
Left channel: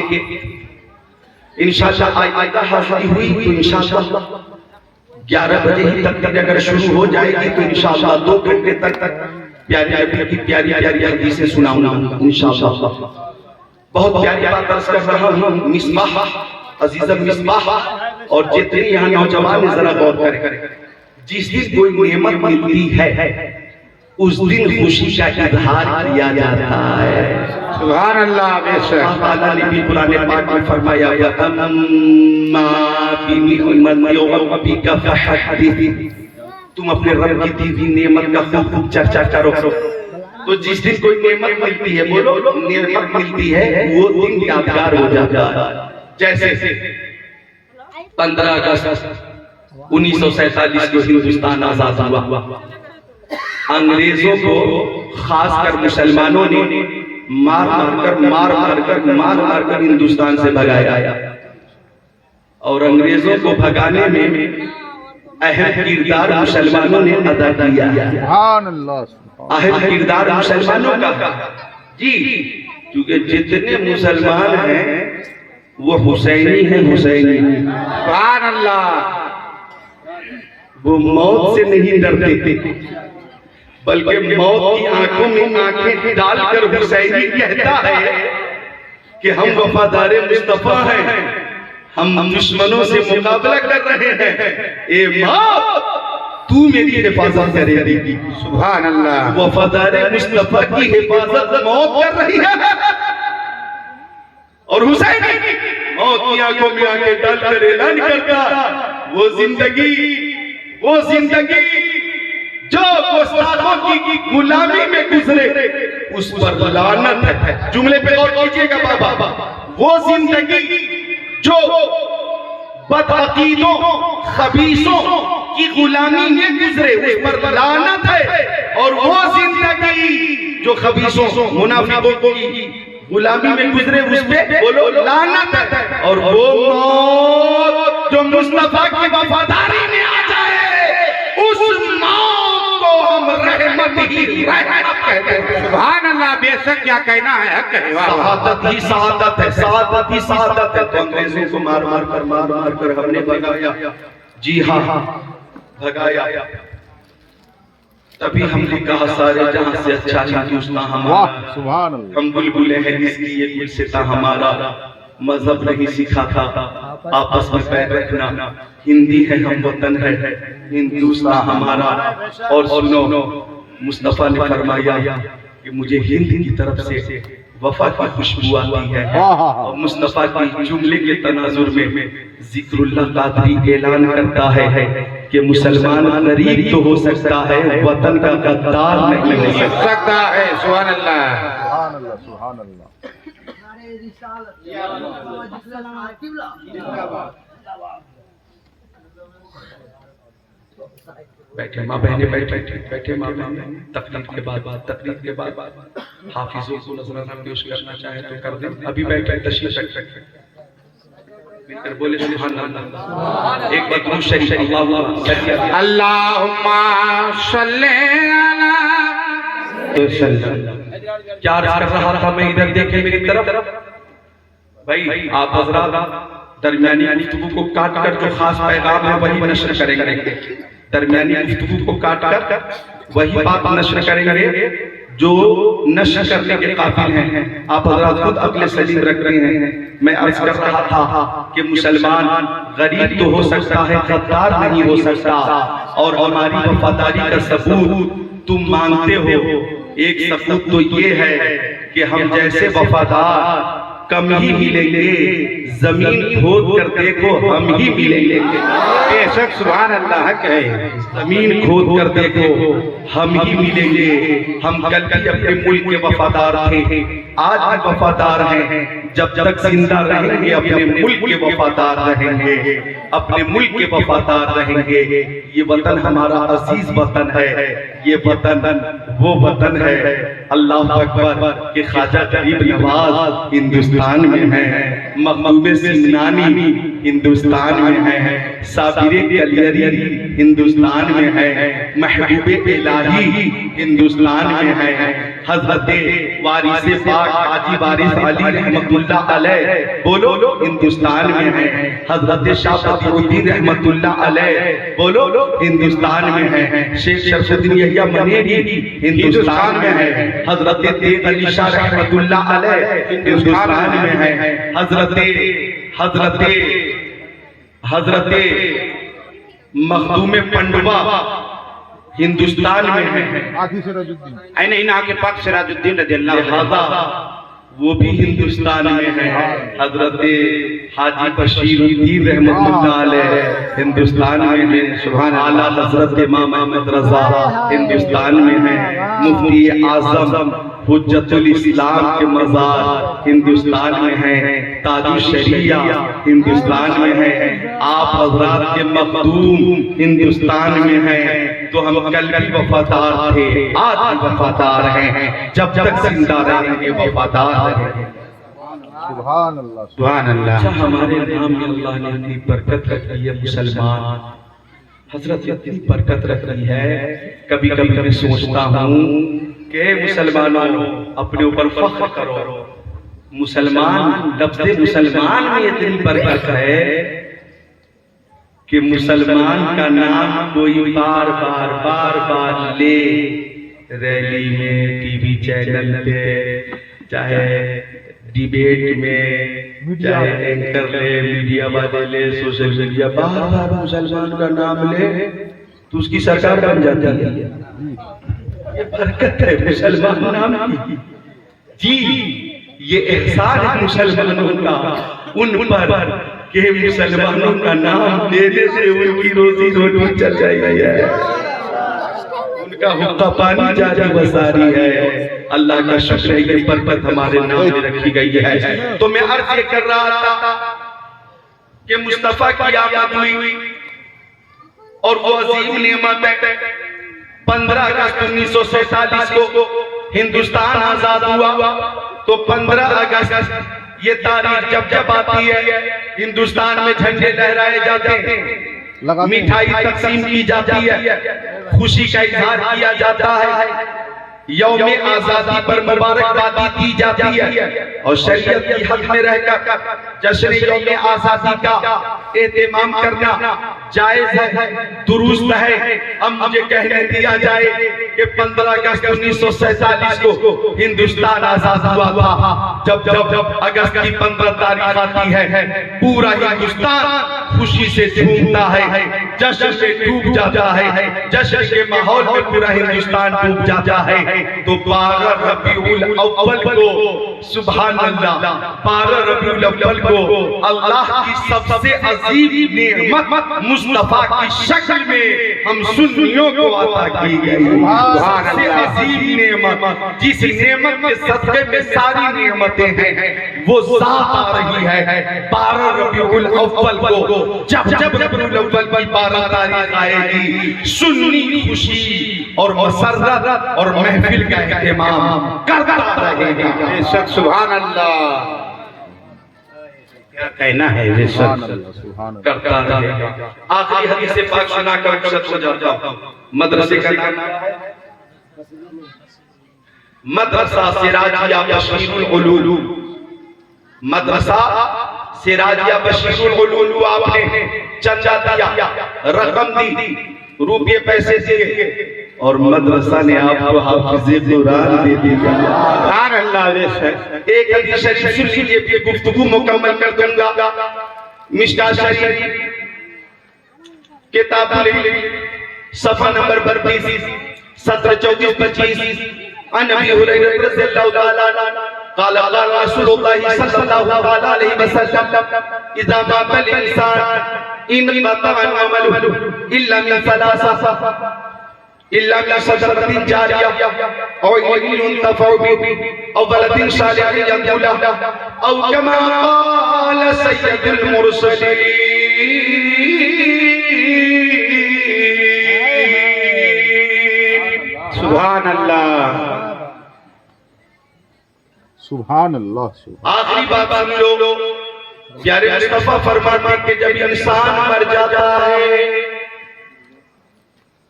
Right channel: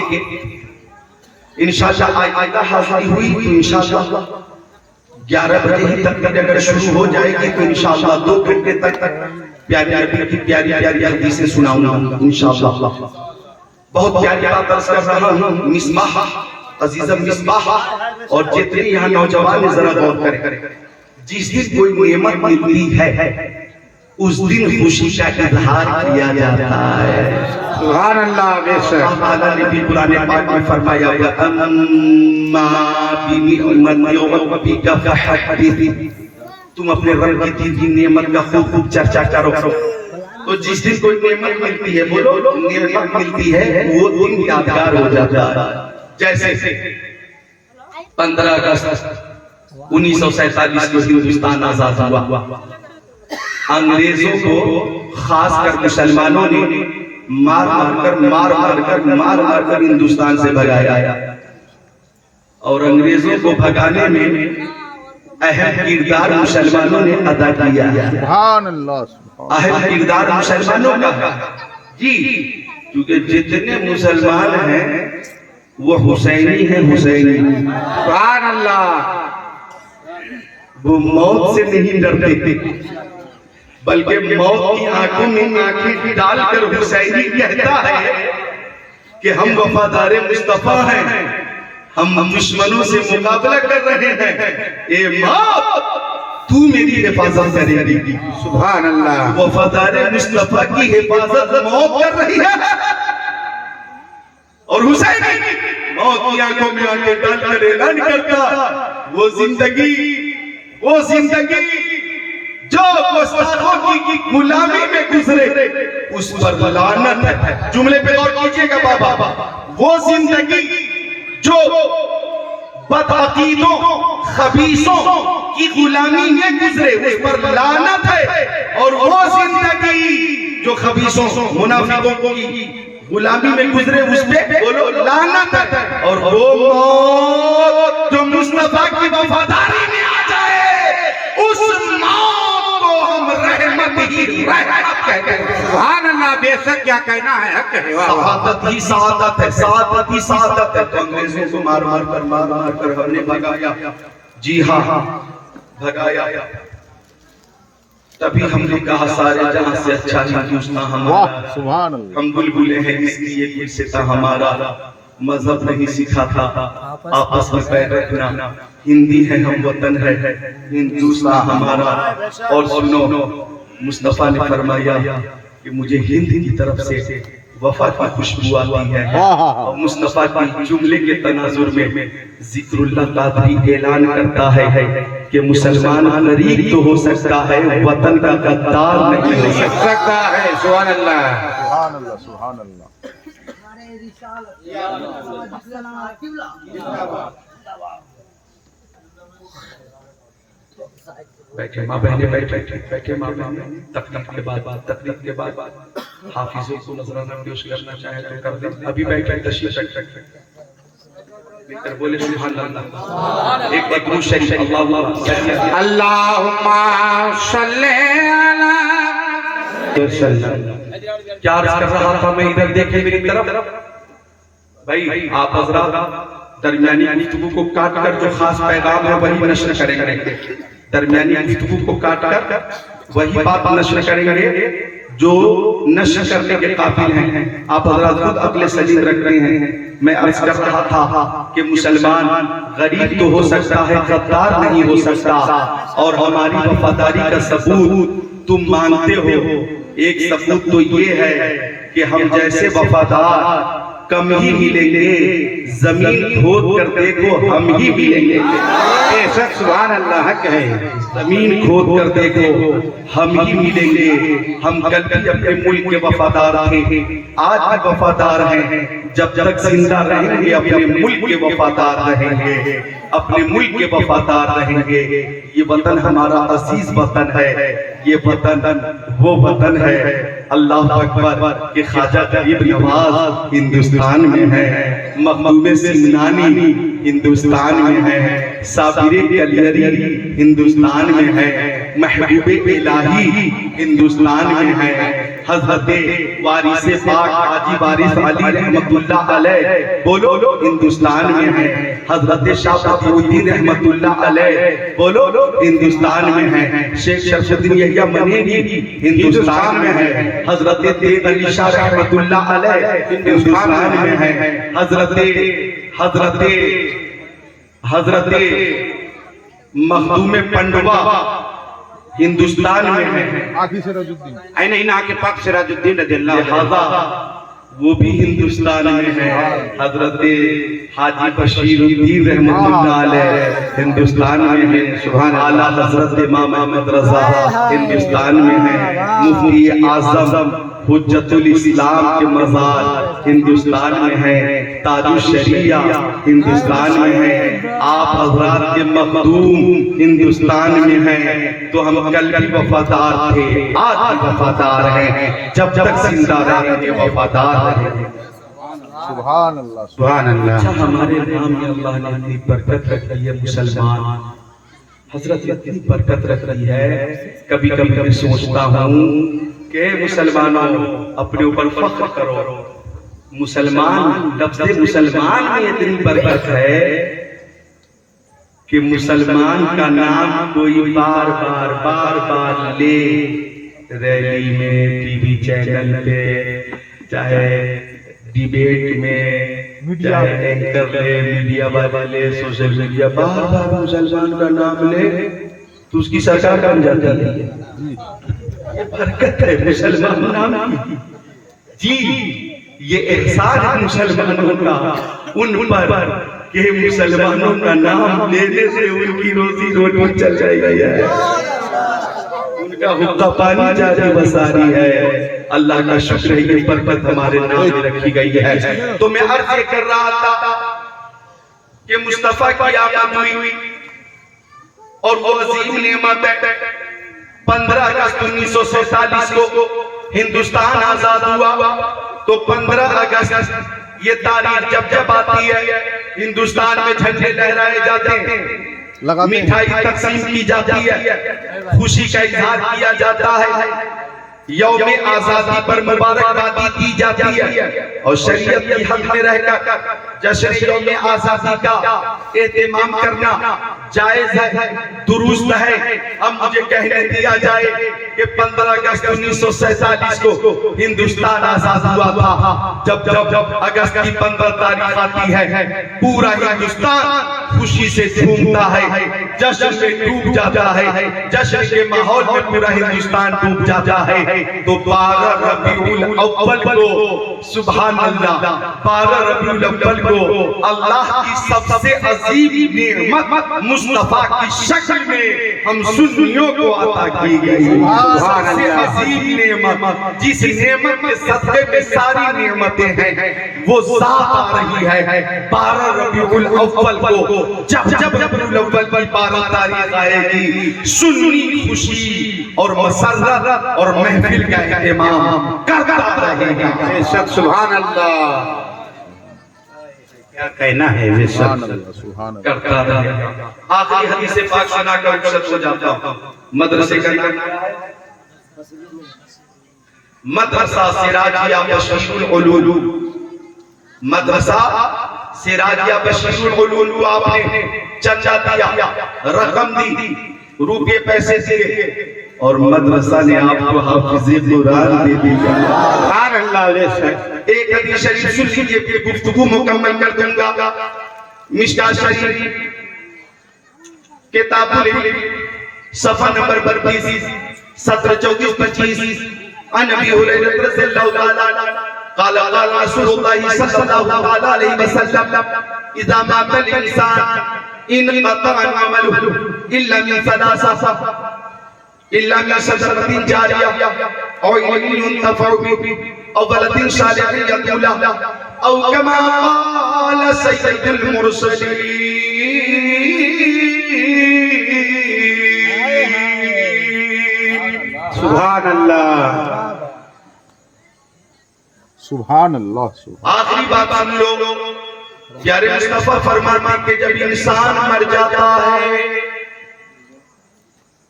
انشاءاللہ آئندہ حاضری ہوئی تو انشاءاللہ 11 بجے تک اگر شروع ہو جائے گی تو انشاءاللہ 2 گھنٹے تک پیاری نبی کی پیاری پیاری حدیثیں سناؤں گا انشاءاللہ. بہت پیاری بات عرض کر رہا ہوں. مصباح عزیزم مصباح اور جتنے یہاں نوجوان ذرا غور کریں. جس دن کوئی نعمت ملتی ہے اس دن خوشی کا اظہار کیا جاتا ہے. سبحان اللہ. بے شک اللہ تعالیٰ نے بھی قرآن پاک میں فرمایا وَأَمَّا بِنِعْمَةِ رَبِّكَ فَحَدِّثْ. تم اپنے رب کی دی ہوئی نعمت کا خوب خوب چرچا کرو. تو جس دن کوئی نعمت ملتی ہے، بولو نعمت ملتی ہے، وہ دن یادگار ہو جاتا ہے. جیسے 15 اگست 1947 کو ہندوستان آزاد ہوا. انگریزوں کو خاص کر مسلمانوں نے مار مار کر ہندوستان سے بھگایا. اور انگریزوں کو بھگانے میں اہم کردار مسلمانوں نے ادا کیا. سبحان اللہ. اہم کردار مسلمانوں کا. جی کیونکہ جتنے مسلمان ہیں وہ حسینی ہیں. حسینی سبحان اللہ. وہ موت سے نہیں ڈرتے بلکہ موت کی آنکھوں میں آنکھیں ڈال کر حسینی کہتا ہے کہ ہم وفادار مصطفیٰ ہیں، ہم دشمنوں سے مقابلہ کر رہے ہیں. اے موت تو میری حفاظت کرے گی. سبحان اللہ. وفادار مصطفیٰ کی حفاظت موت کر رہی ہے. اور حسین موت کی آنکھوں میں آنکھیں ڈال کر اعلان کرتا وہ زندگی جو گستاخوں کی غلامی میں گزرے اس پر لعنت ہے. جملے پہ غور کیجئے گا بابا. وہ زندگی جو بدعقیدوں خبیثوں کی غلامی میں گزرے اس پر لعنت ہے. اور وہ زندگی جو خبیثوں منافقوں کی غلامی میں گزرے اس پہ بولو لعنت ہے. اور وہ موت جو مصطفیٰ کی وفاداری میں آ جائے اس موت کو ہم رحمت ہی رحمت کہتے ہیں. سبحان اللہ. بے شک کیا کہنا ہے حق ہے. سعادت ہی سعادت ہے. سعادت ہی سعادت ہے. تو انگریزوں کو مار کر ہم نے بھگایا. جی ہاں بھگایا. تبھی ہم نے کہا سارے جہاں سے اچھا ہندوستان ہمارا. واہ سبحان اللہ. ہم بلبلے ہیں اس لیے دل سے تھا ہمارا. مذہب نہیں سکھا تھا آپس میں پیر رکھنا. ہندی ہے ہم وطن ہے ہندوستان ہمارا. اور سنو مصطفیٰ نے فرمایا کہ مجھے ہند کی طرف سے وفا کی خوشبو آتی ہے. اور مصطفیٰ کی جملے کے تناظر میں ذکر اللہ قادری اعلان کرتا ہے کہ مسلمان غریب تو ہو سکتا ہے وطن کا غدار نہیں ہو سکتا ہے. سبحان اللہ. سبحان اللہ. سبحان اللہ. بیٹھے ماں بہنیں بیٹھے ماں بہنیں. تقریب کے بعد حافظوں کو نظرانہ پیش کرنا چاہے تو کر دیں. ابھی بیٹھے تشریف رکھیں. بولے سبحان اللہ. ایک درود شریف اللہم صلی علی. کیا عرض کر رہا تھا میں؟ ادھر دیکھیں میری طرف. بھائی آپ حضرات درمیانی گفتگو کو کاٹ کر جو خاص پیغام ہے وہی نشر کریں گے. درمیانی گفتگو کو کاٹ کر وہی بات نشر کریں گے جو نشر کرنے کے قابل ہیں. آپ حضرات خود عقل سلیم رکھتے ہیں. میں عرض کر رہا تھا کہ مسلمان غریب تو ہو سکتا ہے غدار نہیں ہو سکتا. اور ہماری وفاداری کا ثبوت تم مانتے ہو. ایک ثبوت تو یہ ہے کہ ہم جیسے وفادار کم ہی ملیں گے، زمین کھود کر دیکھو ہم ہی ملیں گے۔ بے شک سبحان اللہ حق ہے۔ زمین کھود کر دیکھو ہم ہی ملیں گے۔ ہم کل بھی اپنے ملک کے وفادار تھے، آج بھی وفادار ہیں، جب تک زندہ رہیں گے اپنے ملک کے وفادار رہیں گے، اپنے ملک کے وفادار رہیں گے۔ یہ وطن ہمارا عزیز وطن ہے، یہ وطن وہ وطن ہے، اللہ اکبر، کہ خواجہ غریب نواز ہندوستان میں ہے، مخدوم سمنانی ہندوستان میں ہے، صابر کلیری ہندوستان میں ہے، محبوب الہی ہندوستان میں ہے، حضرت وارث پاک حاجی وارث علی رحمت اللہ علیہ بولو ہندوستان میں ہے، حضرت شاہ بدیع الدین رحمت اللہ علیہ بولو ہندوستان میں ہے، شیخ شرف الدین یحییٰ منیری ہندوستان میں ہے، حضرت تیغ علی شاہ رحمت اللہ علیہ ہندوستان میں ہے، حضرت مخدوم پنڈوا ہندوستان میں ہے، آخی سراج الدین این ان آقی پاک سراج الدین رضی اللہ عنہ لہذا وہ بھی ہندوستان میں ہے، حضرت حاجی بشیر الدین رحمت اللہ علیہ ہندوستان میں ہے، سبحان اعلیٰ حضرت امام احمد رضا ہندوستان میں ہے، مفتی اعظم حجت الاسلام کے مزار ہندوستان میں ہے، تاج الشریعہ ہندوستان میں ہے، آپ حضرات کے مخدوم ہندوستان میں ہیں، تو ہم کل بھی وفادار تھے، آج بھی وفادار ہیں، جب تک زندہ رہیں گے وفادار رہیں گے۔ سبحان اللہ سبحان اللہ۔ ہمارے نام میں اللہ نے اتنی برکت رکھی ہے، مسلمان حضرت اتنی برکت رکھی ہے، کبھی کبھی میں سوچتا ہوں کہ مسلمانوں اپنے اوپر فخر کرو، مسلمان لفظ مسلمان میں اتنی برکت ہے کہ مسلمان کا نام کوئی بار بار لے، ریلی میں، ٹی وی چینل پہ، چاہے ڈیبیٹ میں، چاہے اینکر لے، میڈیا والے لے، سوشل میڈیا، بار بار مسلمان کا نام لے تو اس کی سرکار بن جاتی ہے۔ یہ برکت ہے مسلمان نام کی، جی یہ احسان ہے مسلمانوں کا ان پر کہ مسلمانوں کا نام لینے سے ان کی روزی روٹی چل جائے گی ہے، ان کا حقہ پانی جاری وساری ہے۔ اللہ کا شکر ہے یہ برکت ہمارے نام میں رکھی گئی ہے۔ تو میں عرض یہ کر رہا تھا کہ مصطفیٰ کی آمد ہوئی اور وہ عظیم نعمت ہے۔ 15 اگست 1947 کو ہندوستان آزاد ہوا، تو 15 اگست یہ تاریخ جب آتی ہے، ہندوستان میں جھنڈے لہرائے جاتے ہیں، مٹھائی تقسیم کی جاتی ہے، خوشی کا اظہار کیا جاتا ہے، یوم آزادی پر مبارکبادی دی جاتی ہے، اور شریعت کی حد میں رہ کر جشن یوم آزادی کا اہتمام کرنا جائز ہے، درست ہے۔ اب مجھے کہنے دیا جائے کہ 15 اگست 1947 کو ہندوستان آزاد ہوا تھا، جب اگست کی 15 تاریخ آتی ہے پورا ہندوستان خوشی سے جھومتا ہے، جشن سے ڈوب جاتا ہے، جشن کے ماحول میں پورا ہندوستان ڈوب جاتا ہے۔ تو 12 ربیع الاول کو سبحان اللہ، 12 ربیع الاول کو اللہ کی سب سے عظیم نعمت مصطفیٰ کی شکل میں ہم سنیوں کو عطا کی گئی، سب سے عظیم نعمت، جس نعمت کے صدقے میں ساری نعمتیں ہیں وہ ذات آ رہی ہے۔ 12 ربیع الاول کو جب ربیع الاول کی 12 تاریخ آئے گی، سنی خوشی اور مسرت اور محفل کا اہتمام کرتا رہے گا۔ بے شک سبحان اللہ، کیا کہنا ہے بے سبحان شک اللہ سبحان اللہ کرتا رہے گا۔ آخری حدیث پاک سنا کر رخصت ہو جاتا ہوں۔ مدرسے کا نام مدرسہ سراجیہ بشیر العلوم، مدرسہ سراجیہ بشیر العلوم، آپ نے چندہ دیا، رقم دی، روپے پیسے دیے، اور مدرسہ نے آپ کو حافظ قرآن دے دیا۔ سبحان اللہ بے شک۔ ایک حدیث شریف سن لیجئے، پھر گفتگو مکمل کر دوں گا۔ مشکاۃ شریف کتاب العلم صفحہ نمبر 32 سطر 34-25، عن ابی ہریرہ رضی اللہ تعالی عنہ قال رسول الله صلى الله عليه وسلم اذا مات الانسان انقطع عمله الا من ثلاثه الا من صدقه جاريه او علم ينتفع به او ولد صالح يدعو له او كما قال سيد المرسلين سبحان اللہ. سبحان اللہ سبحان آخری بات سن لو. پیارے مصطفیٰ فرماتے کہ جب انسان مر جاتا ہے،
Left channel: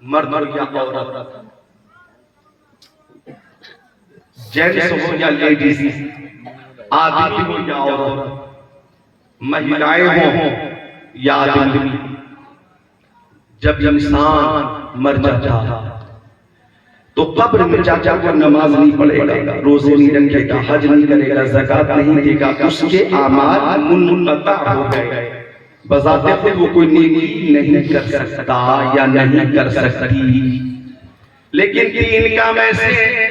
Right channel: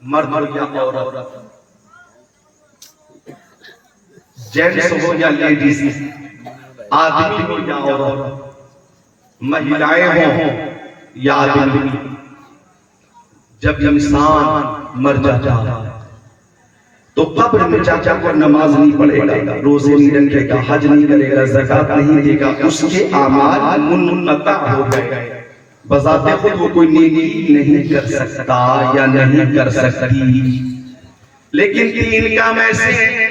مرد یا عورت، جینٹس ہو یا لیڈیز، آدمی ہو یا عورت، مہیلائیں ہوں یا آدمی، جب انسان مر جاتا ہے تو قبر میں چاچا کو نماز نہیں پڑھے گا، روزے نہیں رکھے گا، حج نہیں کرے گا، زکوٰۃ نہیں دے گا، اس کے اعمال منقطع ہو گئے. بذات خود وہ کوئی نیکی نہیں کر سکتا یا نہیں کر سکتی. لیکن تین کام ایسے ہیں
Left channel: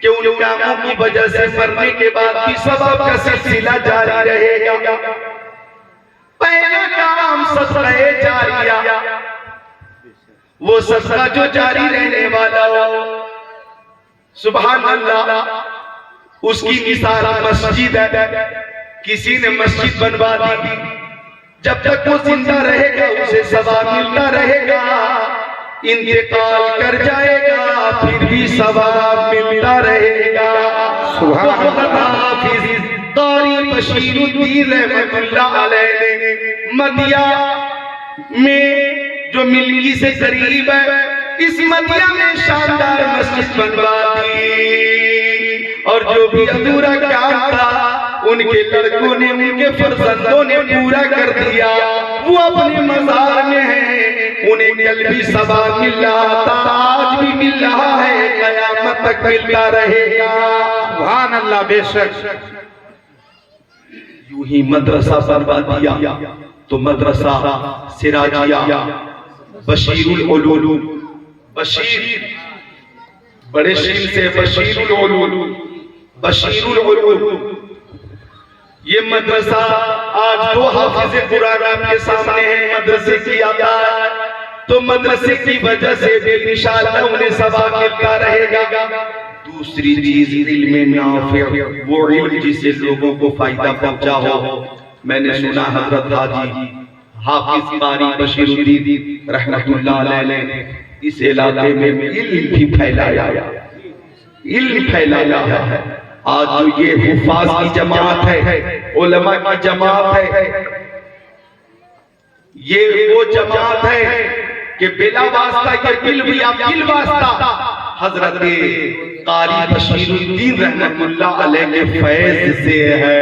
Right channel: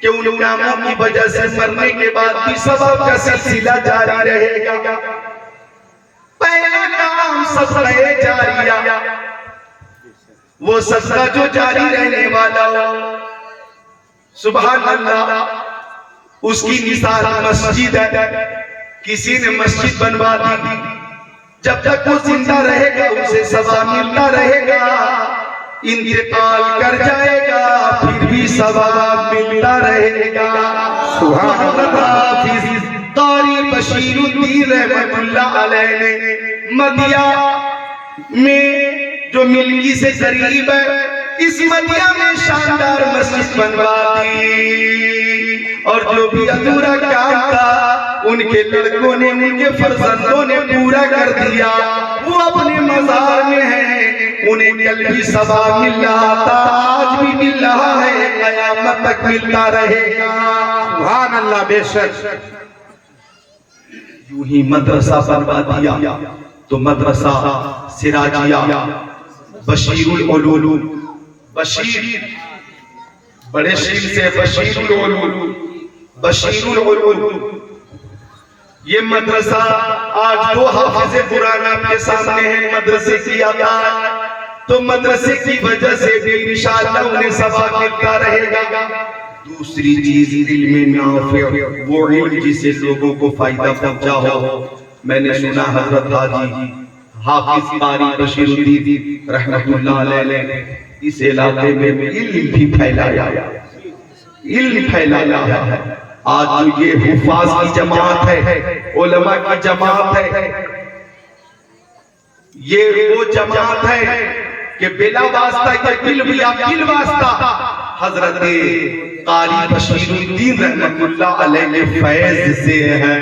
کہ ان کاموں کی وجہ سے مرنے کے بعد بھی ثواب کا سلسلہ جاری رہے گا. پہلا کام صدقہ جاریہ، وہ صدقہ جو جاری رہنے والا ہو. سبحان اللہ. اس کی مثال مسجد ہے. کسی نے مسجد بنوا دی، جب تک وہ زندہ رہے گا اسے ثواب ملتا رہے گا، انتقال کر جائے گا پھر بھی ثواب ملتا رہے گا. سبحان اللہ. حافظ قاری بشیر الدین رحمۃ اللہ علیہ نے مدیہ میں جو ملکی سے قریب ہے، اس مدیہ میں شاندار مسجد بنوا دی، اور جو بھی ادھورا کام تھا ان کے لڑکوں نے، ان کے فرزندوں نے پورا کر دیا. وہ اپنے مزار میں ہیں، انہیں کل بھی ثواب مل رہا تھا، آج بھی مل رہا ہے، قیامت تک ملتا رہے گا. سبحان اللہ. بے شک یوں ہی مدرسہ بنوا دیا تو مدرسہ سراجیہ بشیر العلوم، بشیر بڑے شیر سے بشیر العلوم، بشیر العلوم. یہ مدرسہ آج دو حافظ قرآن آپ کے سامنے ہیں مدرسے کی آدھا، تو مدرسے کی وجہ سے بھی انشاءاللہ انہیں ثواب ملتا رہے گا. دوسری چیز علم نافع، وہ علم جسے لوگوں کو فائدہ پہنچا ہو. میں نے سنا حضرت حاجی حافظ قاری بشیر الدین رحمۃ اللہ علیہ نے اس علاقے میں علم بھی پھیلایا، علم پھیلایا ہے. آج جو یہ حفاظ کی جماعت ہے، علماء کی جماعت ہے، یہ وہ جماعت ہے کہ بلا واسطہ یہ بل بھی بل واسطہ حضرت قاری بشیر الدین رحمۃ اللہ علیہ کے فیض سے ہے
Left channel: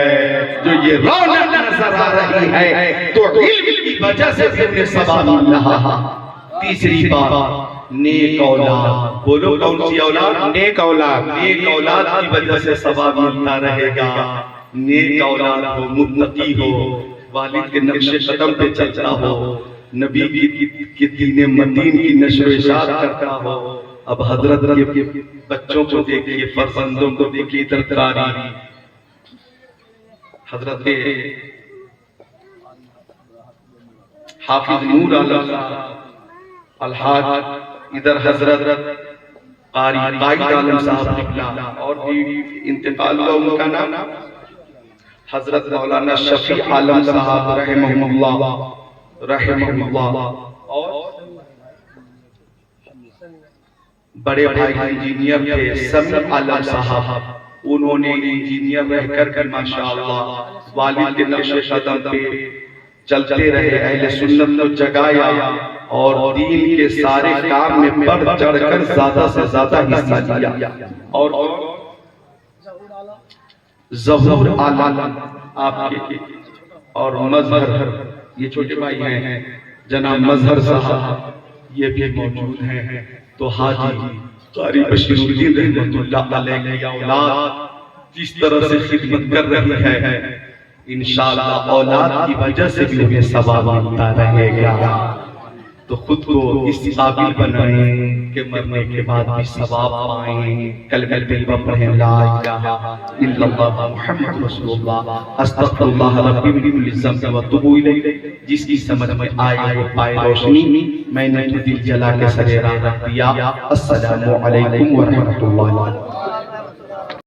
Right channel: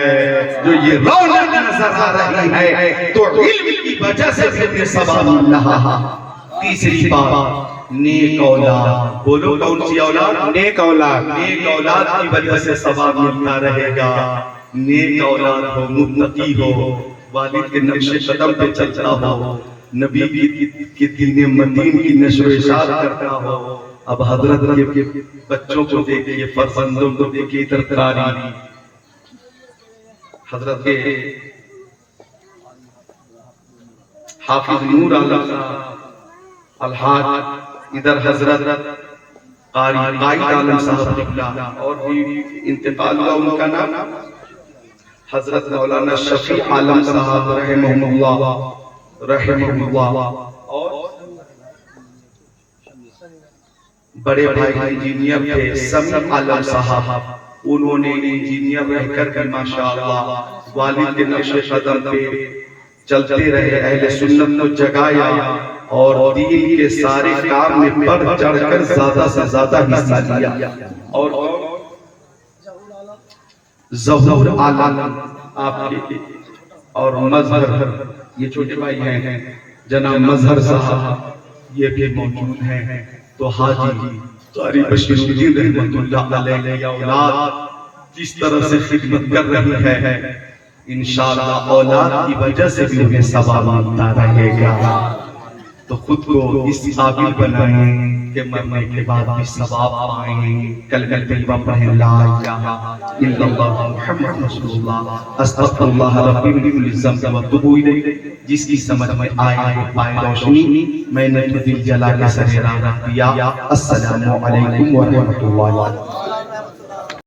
جو یہ رونق نظر آ رہی ہے، تو علم کی وجہ سے انہیں ثواب مل رہا. تیسری بات نیک اولاد. بولو کون سی اولاد؟ نیک اولاد. نیک اولاد کی وجہ سے ثواب ملتا رہے گا. نیک اولاد ہو، متقی ہو، والد کے نقش قدم پہ چلتا ہو، نبی کی دین مدین کی نشر و اشاعت کرتا ہو. اب حضرت کے بچوں کو دیکھیے، فرزندوں کو دیکھیے، ترکاری حضرت کے حافظ نور عالم صاحب الحاج، ادھر حضرت قاری قائد عالم صاحب قبلہ، اور بھی انتقال ہوا ان کا نام حضرت مولانا شفیع عالم صاحب رحمہ اللہ. اور بڑے بھائی انجینئر تھے سمیع عالم صاحب، انہوں نے انجینئر رہ کر کے ماشاءاللہ والد کے نقش قدم پہ چلتے رہے، اہل سنت کو جگایا اور دین کے سارے کام میں بڑھ چڑھ کر زیادہ سے زیادہ حصہ لیا. اور ظہور عالم آپ کے، اور مظہر، یہ چھوٹے بھائی ہیں جناب مظہر صاحب، یہ بھی موجود ہیں. تو حاجی قاری بشیر الدین رحمۃ اللہ علیہ کی اولاد جس طرح سے خدمت کر رہی ہے، انشاءاللہ اولاد کی وجہ سے بھی انہیں ثواب ملتا رہے گا. تو خود کو اس قابل بنائیں کہ مرنے کے بعد بھی ثواب پائیں. کلمہ طیبہ پڑھیں لا الہ الا اللہ محمد رسول اللہ استغفر اللہ ربی من کل ذنب واتوب الیہ. جس کی سمجھ میں آئے وہ پائے روشنی. میں نے تو دل جلا کے سر راہ رکھ دیا. السلام علیکم ورحمۃ اللہ.